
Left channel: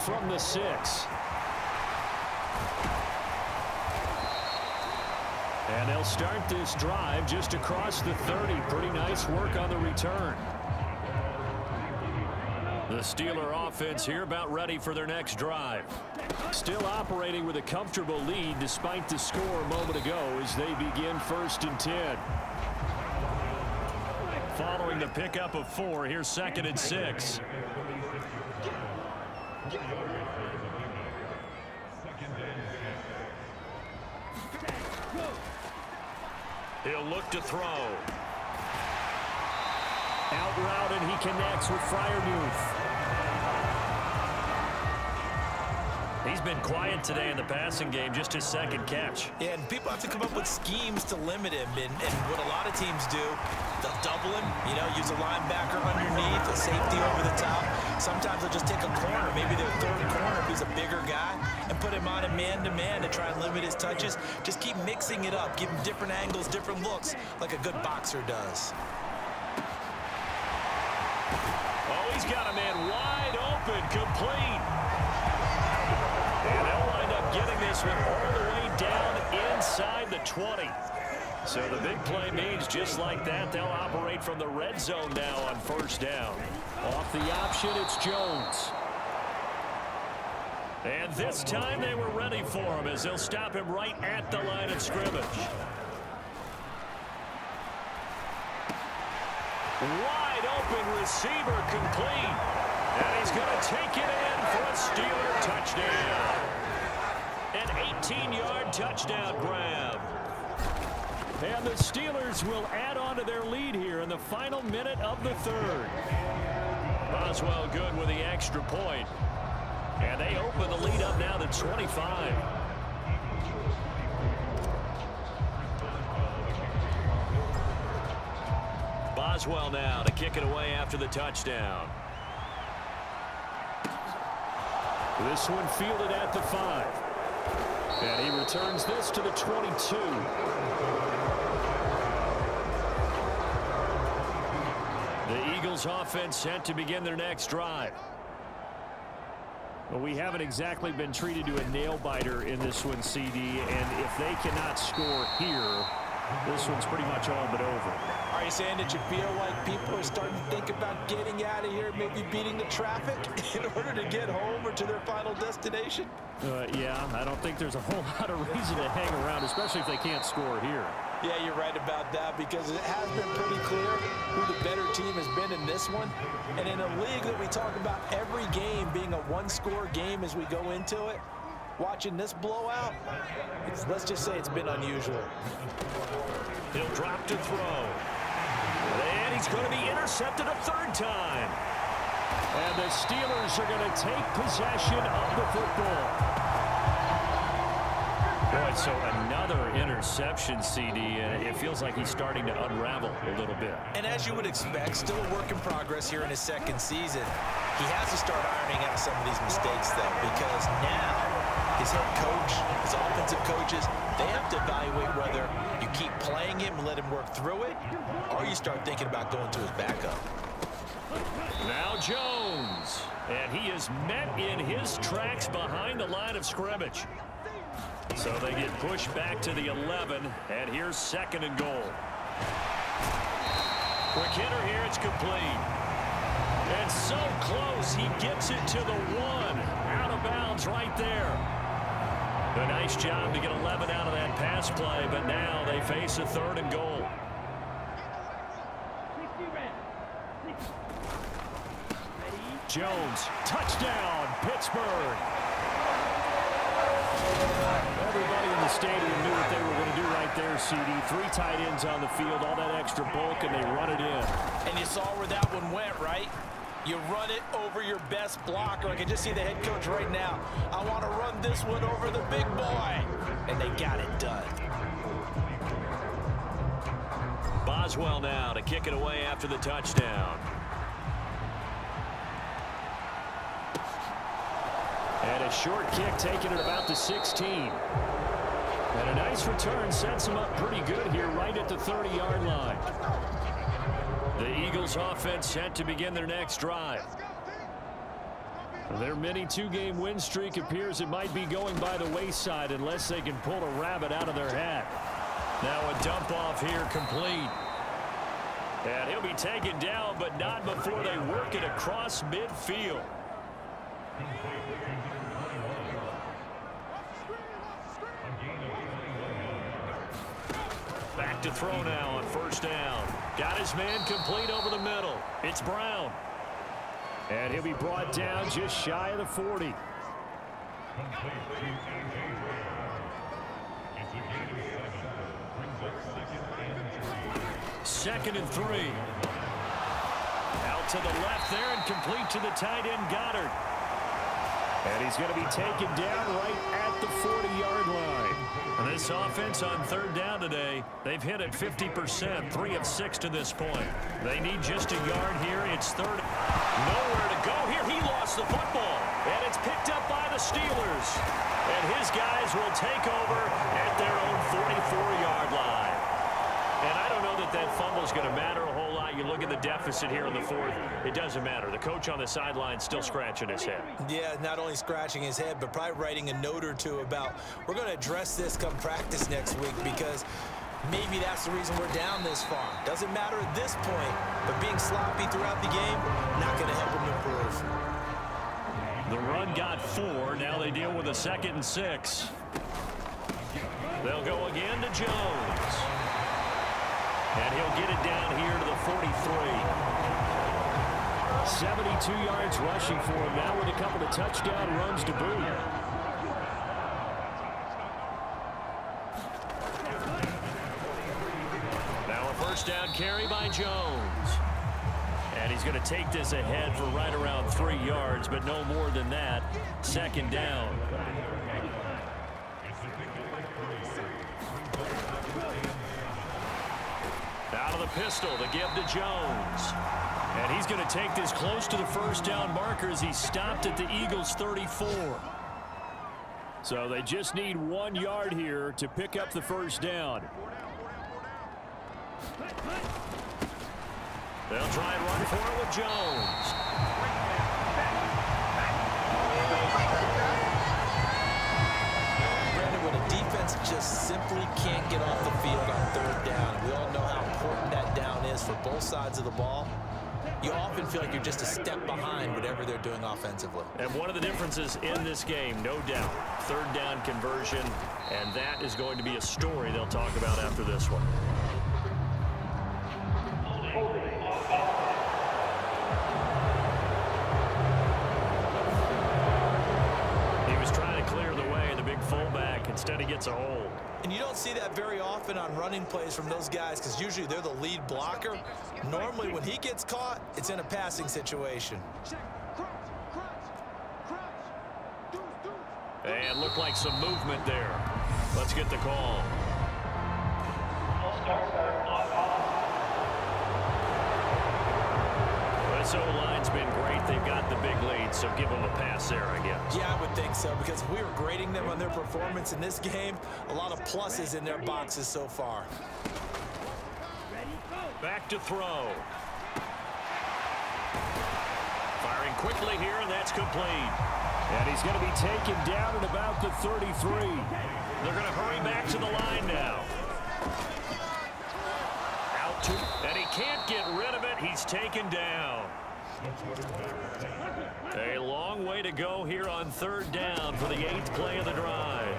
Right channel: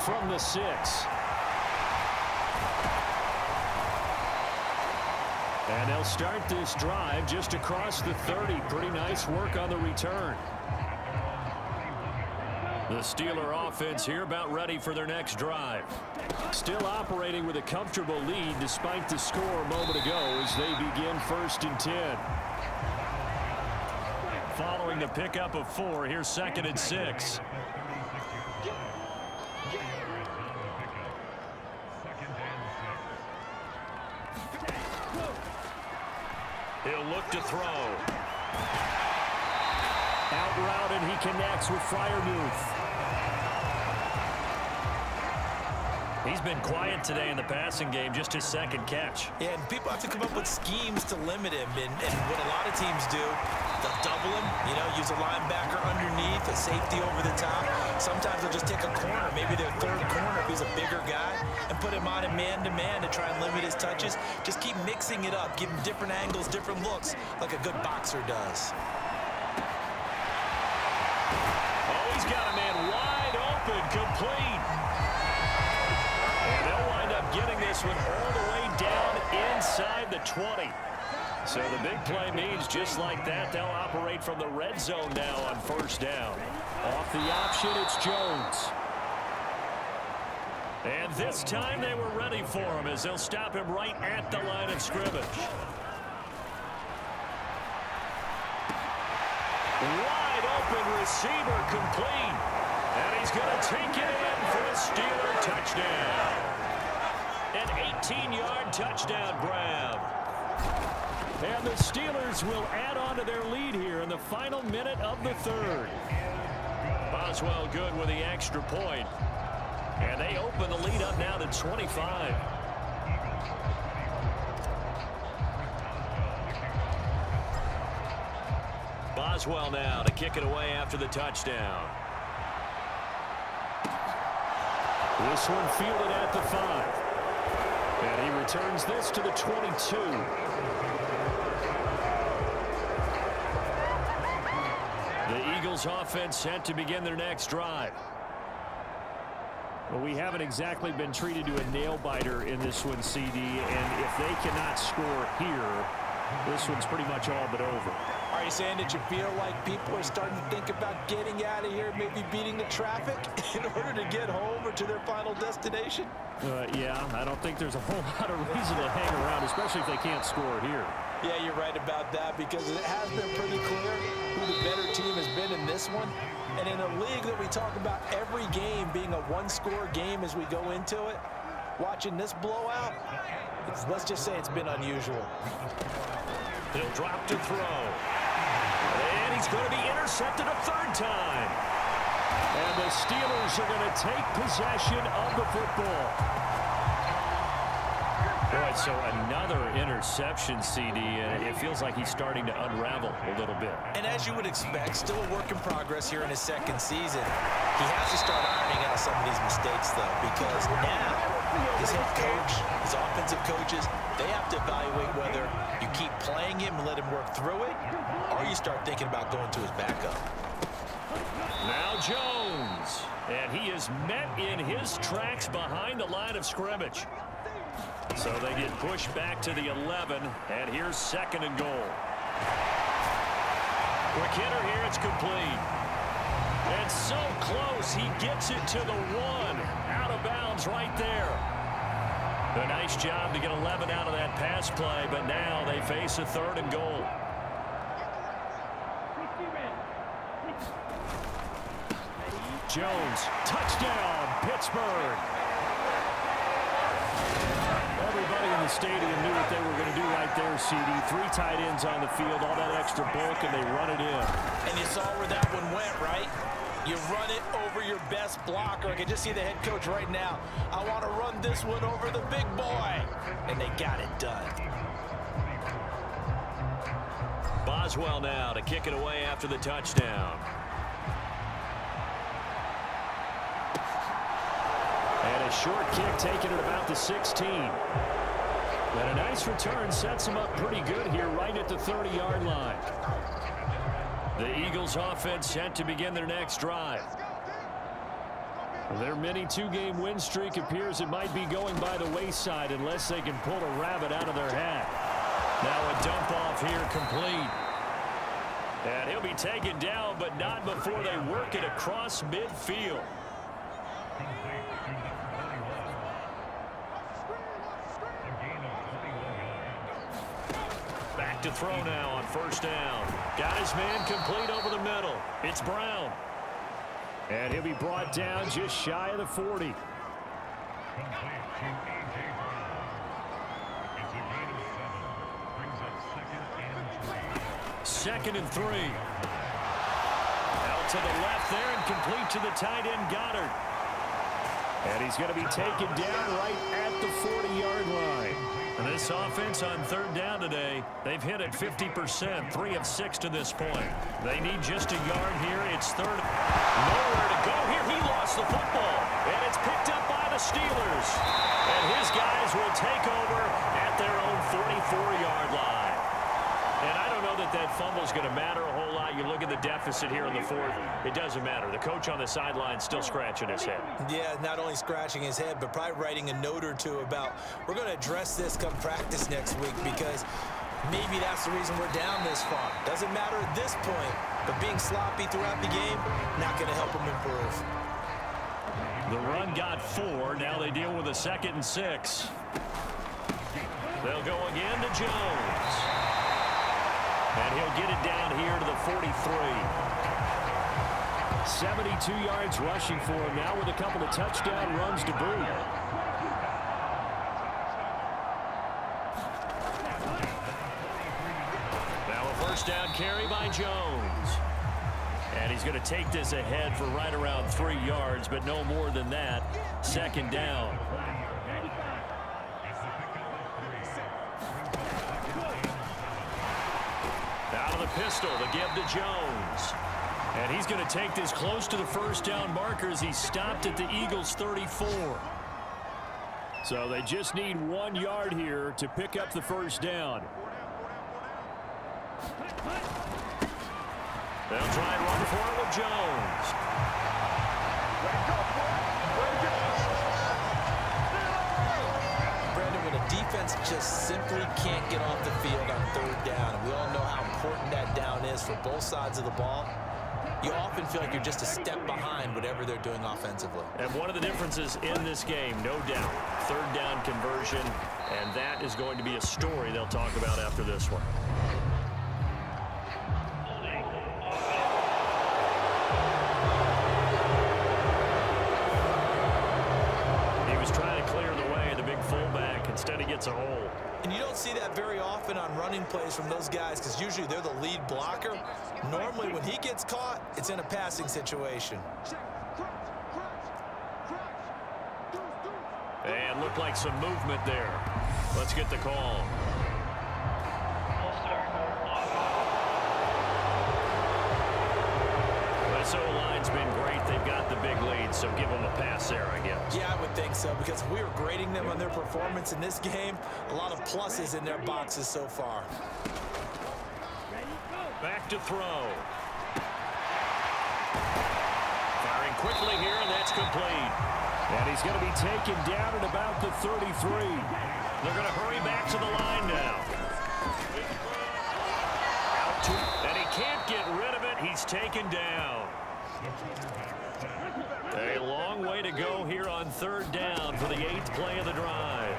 From the 6. And they'll start this drive just across the 30. Pretty nice work on the return. The Steeler offense here about ready for their next drive. Still operating with a comfortable lead despite the score a moment ago as they begin 1st and 10. Following the pickup of 4, here's 2nd and 6. He'll look to throw. Out route, and he connects with Freiermuth. He's been quiet today in the passing game, just his 2nd catch. Yeah, and people have to come up with schemes to limit him. And what a lot of teams do, they'll double him, you know, use a linebacker underneath, a safety over the top. Sometimes they'll just take a corner, maybe their 3rd corner if he's a bigger guy, and put him on a man-to-man to try and limit his touches. Just keep mixing it up, give him different angles, different looks, like a good boxer does. Oh, he's got a man wide open, complete. And they'll wind up getting this one all the way down inside the 20. So the big play means just like that, they'll operate from the red zone now on 1st down. Off the option, it's Jones. And this time they were ready for him as they'll stop him right at the line of scrimmage. Wide open receiver, complete. And he's going to take it in for a Steeler touchdown. An 18-yard touchdown grab. And the Steelers will add on to their lead here in the final minute of the 3rd. Boswell good with the extra point. And they open the lead up now to 25. Boswell now to kick it away after the touchdown. This one fielded at the 5. And he returns this to the 22. The Eagles offense set to begin their next drive. Well, we haven't exactly been treated to a nail-biter in this one, CD, and if they cannot score here, this one's pretty much all but over. Are you saying that you feel like people are starting to think about getting out of here, maybe beating the traffic in order to get home or to their final destination? Yeah, I don't think there's a whole lot of reason to hang around, especially if they can't score here. Yeah, you're right about that, because it has been pretty clear who the better team has been in this one. And in a league that we talk about every game being a one-score game as we go into it, watching this blowout, let's just say it's been unusual. He'll drop to throw. And he's going to be intercepted a third time. And the Steelers are going to take possession of the football. Boy, so another interception, CD, and it feels like he's starting to unravel a little bit. And as you would expect, still a work in progress here in his second season. He has to start ironing out some of these mistakes, though, because now his head coach, his offensive coaches, they have to evaluate whether you keep playing him and let him work through it, or you start thinking about going to his backup. Now Jones, and he is met in his tracks behind the line of scrimmage. So they get pushed back to the 11, and here's 2nd and goal. Quick hitter here, it's complete. And so close, he gets it to the 1. Out of bounds right there. A nice job to get 11 out of that pass play, but now they face a 3rd and goal. Jones, touchdown, Pittsburgh. Everybody in the stadium knew what they were going to do right there, CD. 3 tight ends on the field, all that extra bulk, and they run it in. And you saw where that one went, right? You run it over your best blocker. I can just see the head coach right now. I want to run this one over the big boy. And they got it done. Boswell now to kick it away after the touchdown. And a short kick taken at about the 16. And a nice return sets him up pretty good here right at the 30-yard line. The Eagles offense set to begin their next drive. Their mini 2-game win streak appears it might be going by the wayside unless they can pull a rabbit out of their hat. Now a dump off here complete. And he'll be taken down, but not before they work it across midfield. Back to throw now on 1st down. Got his man complete over the middle. It's Brown. And he'll be brought down just shy of the 40. 2nd and 3. Out to the left there and complete to the tight end Goddard. And he's going to be taken down right at the 40-yard line. And this offense on 3rd down today, they've hit it 50%, 3 of 6 to this point. They need just a yard here. It's 3rd. Nowhere to go here. He lost the football. And it's picked up by the Steelers. And his guys will take over at their own 44-yard line. And I don't know that that fumble is going to matter a whole lot. You look at the deficit here in the 4th. It doesn't matter. The coach on the sideline still scratching his head. Yeah, not only scratching his head, but probably writing a note or two about we're going to address this come practice next week, because maybe that's the reason we're down this far. Doesn't matter at this point, but being sloppy throughout the game, not going to help him improve. The run got 4. Now they deal with a 2nd and 6. They'll go again to Jones. And he'll get it down here to the 43. 72 yards rushing for him now with a couple of touchdown runs to boot. Now a 1st down carry by Jones. And he's going to take this ahead for right around 3 yards, but no more than that. 2nd down. Out of the pistol, the give to Jones. And he's going to take this close to the 1st down marker as he stopped at the Eagles' 34. So they just need 1 yard here to pick up the 1st down. They'll try and run for it with Jones. Brandon, when a defense offense just simply can't get off the field on third down. And we all know how important that down is for both sides of the ball. You often feel like you're just a step behind whatever they're doing offensively. And one of the differences in this game, no doubt, third down conversion, and that is going to be a story they'll talk about after this one. He was trying to clear the way, the big fullback. Instead, he gets a hold. And you don't see that very often on running plays from those guys because usually they're the lead blocker. Normally, when he gets caught, it's in a passing situation. And looked like some movement there. Let's get the call. This O-line's been great. They've got the big lead, so give them a pass there, I guess. Yeah, I would think so, because if we were grading them on their performance in this game, a lot of pluses in their boxes so far. Back to throw. Firing quickly here, and that's complete. And he's going to be taken down at about the 33. They're going to hurry back to the line now. Out to, and he can't get rid of it. He's taken down. A long way to go here on third down for the 8th play of the drive.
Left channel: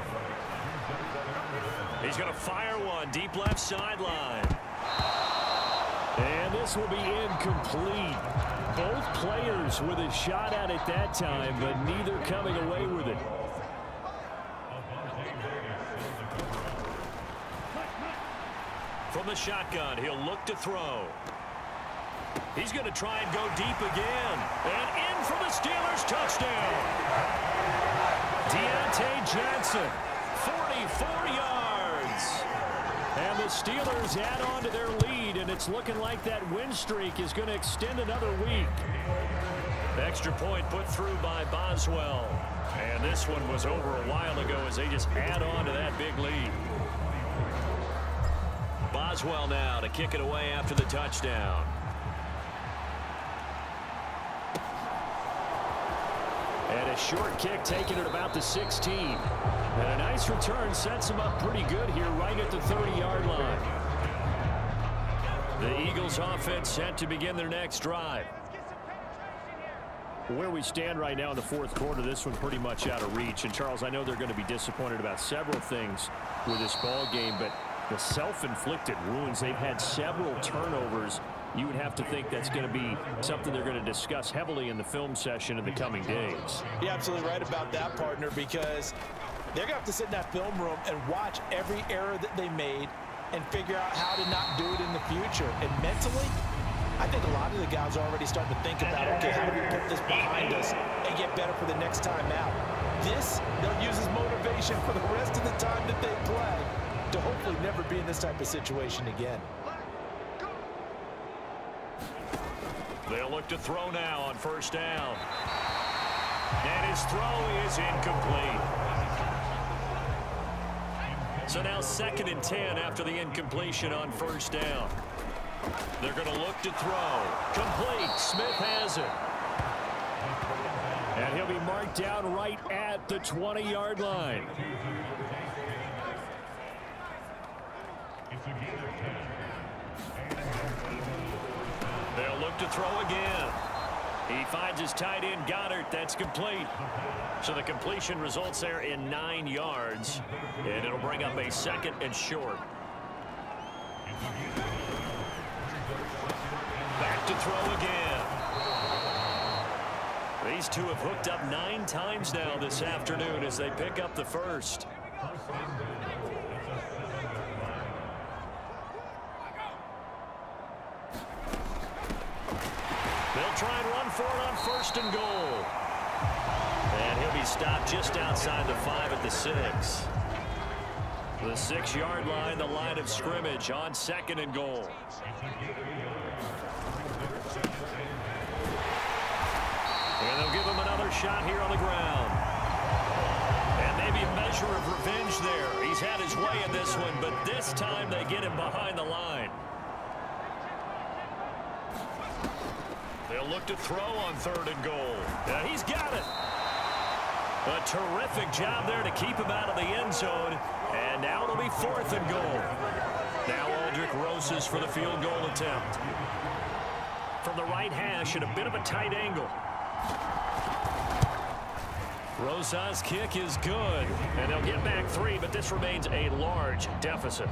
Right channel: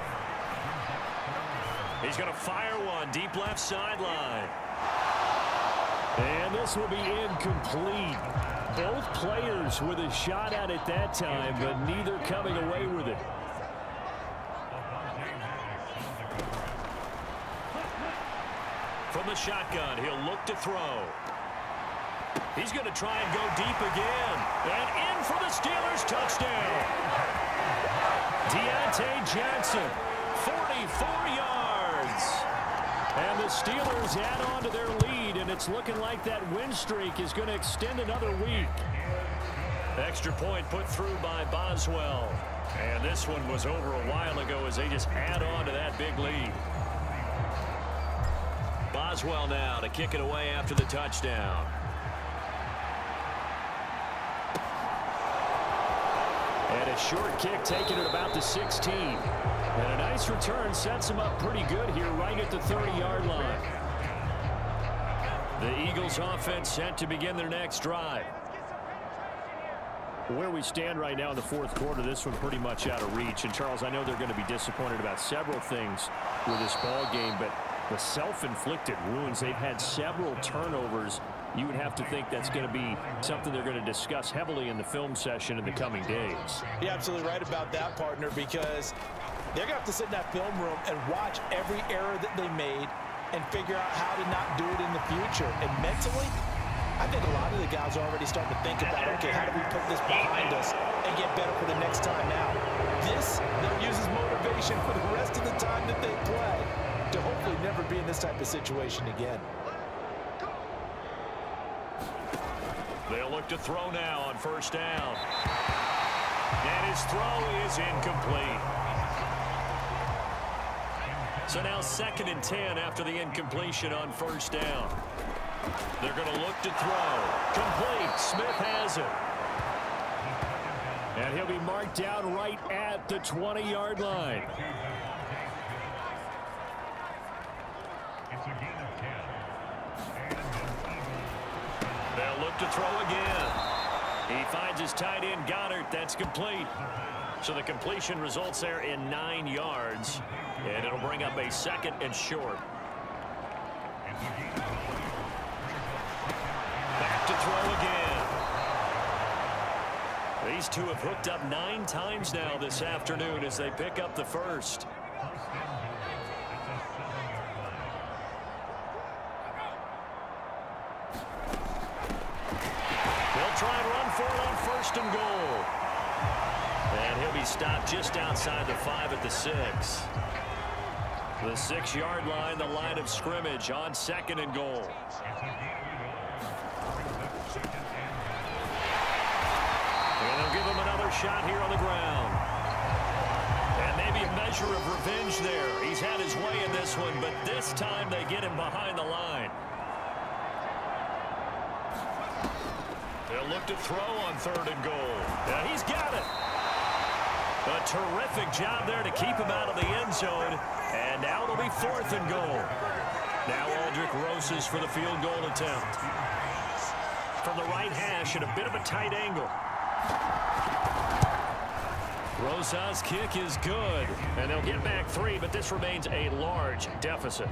He's going to fire one deep left sideline. And this will be incomplete. Both players with a shot at it that time, but neither coming away with it. From the shotgun, he'll look to throw. He's going to try and go deep again. And in for the Steelers touchdown. Deontay Johnson, 44 yards. And the Steelers add on to their lead, and it's looking like that win streak is going to extend another week. Extra point put through by Boswell. And this one was over a while ago as they just add on to that big lead. Boswell now to kick it away after the touchdown. And a short kick taken at about the 16. And a nice return sets him up pretty good here right at the 30-yard line. The Eagles offense set to begin their next drive. Where we stand right now in the fourth quarter, this one pretty much out of reach. And Charles, I know they're going to be disappointed about several things with this ball game, but the self-inflicted wounds, they've had several turnovers. You would have to think that's going to be something they're going to discuss heavily in the film session in the coming days. You're absolutely right about that, partner, because they're going to have to sit in that film room and watch every error that they made and figure out how to not do it in the future. And mentally, I think a lot of the guys are already starting to think about, okay, how do we put this behind us and get better for the next time out? This, they'll use as motivation for the rest of the time that they play to hopefully never be in this type of situation again. They'll look to throw now on first down. And his throw is incomplete. So now 2nd and 10 after the incompletion on first down. They're going to look to throw. Complete. Smith has it. And he'll be marked down right at the 20-yard line. They'll look to throw again. He finds his tight end, Goddard. That's complete. So the completion results there in 9 yards. And it'll bring up a 2nd and short. Back to throw again. These two have hooked up 9 times now this afternoon as they pick up the first. They'll try and run for it on 1st and goal. And he'll be stopped just outside the 5 at the 6. The 6-yard line, the line of scrimmage on 2nd and goal. And they'll give him another shot here on the ground. And maybe a measure of revenge there. He's had his way in this one, but this time they get him behind the line. They'll look to throw on 3rd and goal. He's got it. A terrific job there to keep him out of the end zone. And now it'll be 4th and goal. Now Aldrick Rosas for the field goal attempt. From the right hash at a bit of a tight angle. Rosas' kick is good. And they'll get back 3, but this remains a large deficit.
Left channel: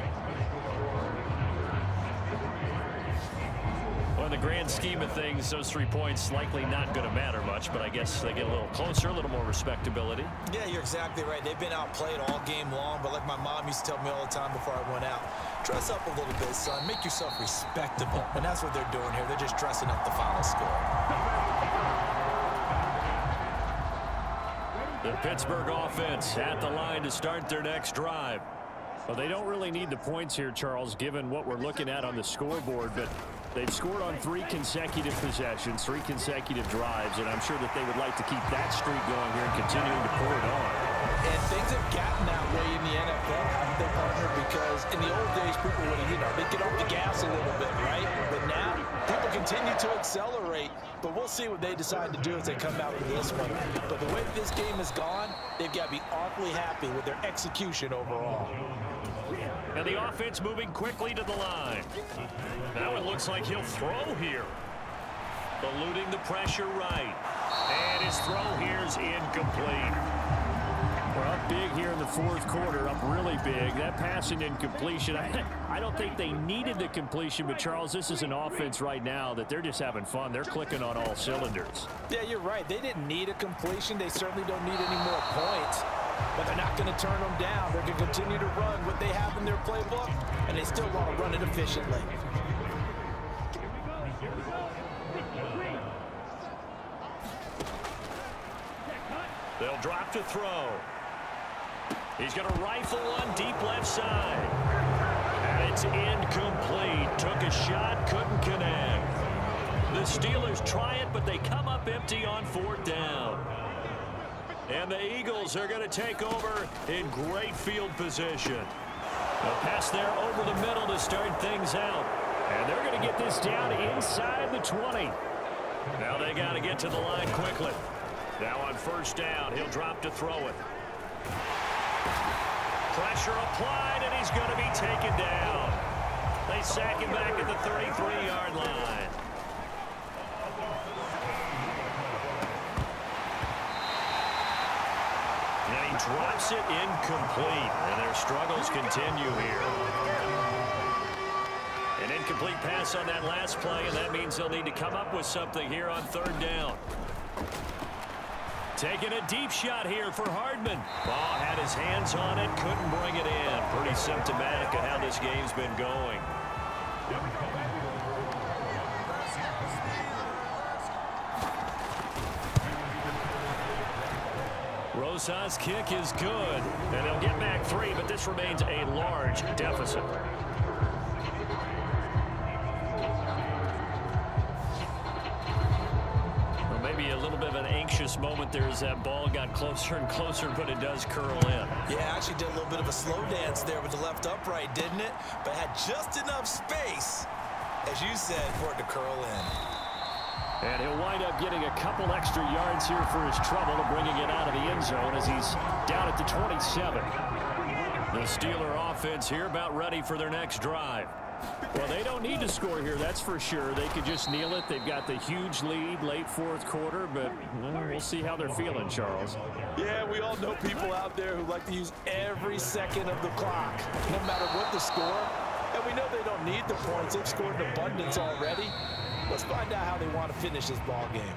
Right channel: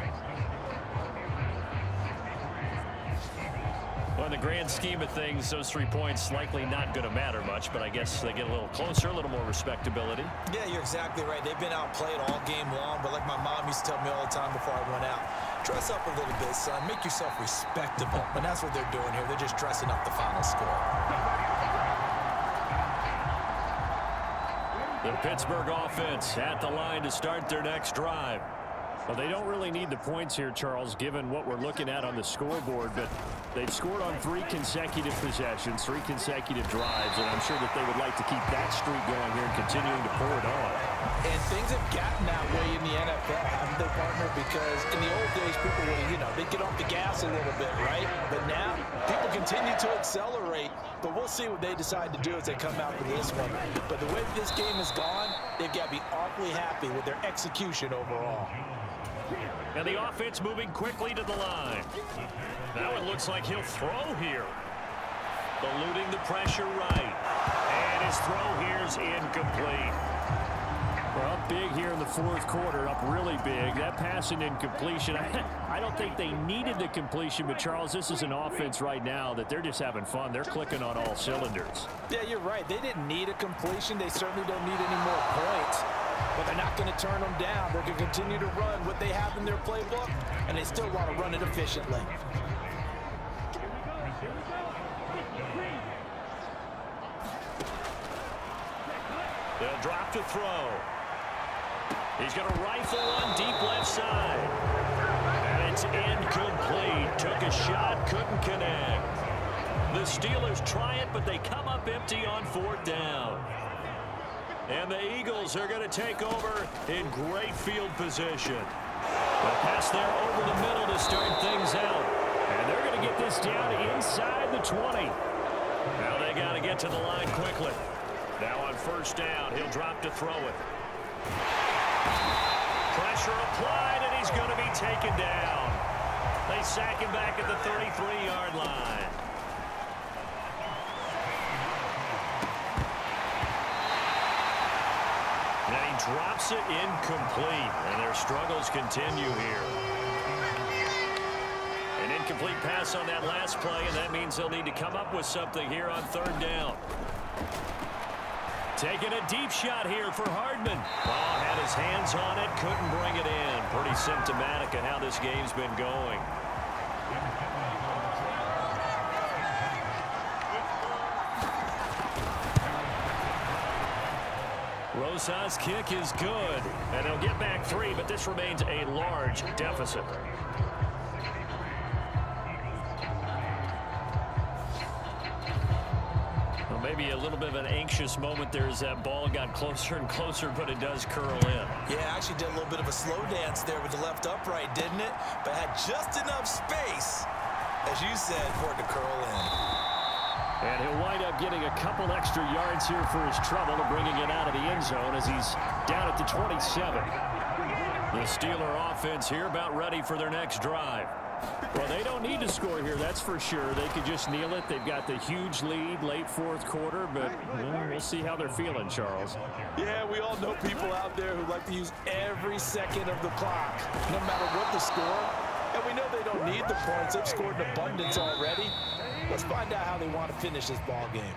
Well, in the grand scheme of things, those 3 points likely not going to matter much, but I guess they get a little closer, a little more respectability. Yeah, you're exactly right. They've been outplayed all game long, but like my mom used to tell me all the time before I went out, dress up a little bit, son. Make yourself respectable. And that's what they're doing here. They're just dressing up the final score. The Pittsburgh offense at the line to start their next drive. Well, they don't really need the points here, Charles, given what we're looking at on the scoreboard, but they've scored on 3 consecutive possessions, 3 consecutive drives, and I'm sure that they would like to keep that streak going here and continuing to pour it on. And things have gotten that way in the NFL, haven't they, partner? Because in the old days, people would, they'd get off the gas a little bit, right? But now, people continue to accelerate, but we'll see what they decide to do as they come out for this one. But the way this game has gone, they've got to be awfully happy with their execution overall. And the offense moving quickly to the line. Now it looks like he'll throw here. Eluding the pressure right. And his throw here's incomplete. We're up big here in the 4th quarter, up really big. That pass and incompletion, I don't think they needed the completion, but Charles, this is an offense right now that they're just having fun. They're clicking on all cylinders. Yeah, you're right. They didn't need a completion. They certainly don't need any more points. But they're not going to turn them down. They're going to continue to run what they have in their playbook, and they still want to run it efficiently. They'll drop to throw. He's going to rifle one deep left side. And it's incomplete. Took a shot, couldn't connect. The Steelers try it, but they come up empty on 4th down. And the Eagles are going to take over in great field position. The pass there over the middle to start things out. And they're going to get this down inside the 20. Now they got to get to the line quickly. Now on 1st down, he'll drop to throw it. Pressure applied, and he's going to be taken down. They sack him back at the 33-yard line. And he drops it incomplete, and their struggles continue here. An incomplete pass on that last play, and that means they'll need to come up with something here on 3rd down. Taking a deep shot here for Hardman. Ball had his hands on it, couldn't bring it in. Pretty symptomatic of how this game's been going. Rosas' kick is good, and they'll get back 3, but this remains a large deficit. Well, maybe a little bit of an anxious moment there as that ball got closer and closer, but it does curl in. Yeah, actually did a little bit of a slow dance there with the left upright, didn't it? But had just enough space, as you said, for it to curl in. And he'll wind up getting a couple extra yards here for his trouble and bringing it out of the end zone as he's down at the 27. The Steeler offense here about ready for their next drive. Well, they don't need to score here, that's for sure. They could just kneel it. They've got the huge lead late 4th quarter, but we'll see how they're feeling, Charles. Yeah, we all know people out there who like to use every second of the clock, no matter what the score. And we know they don't need the points. They've scored in abundance already. Let's find out how they want to finish this ball game.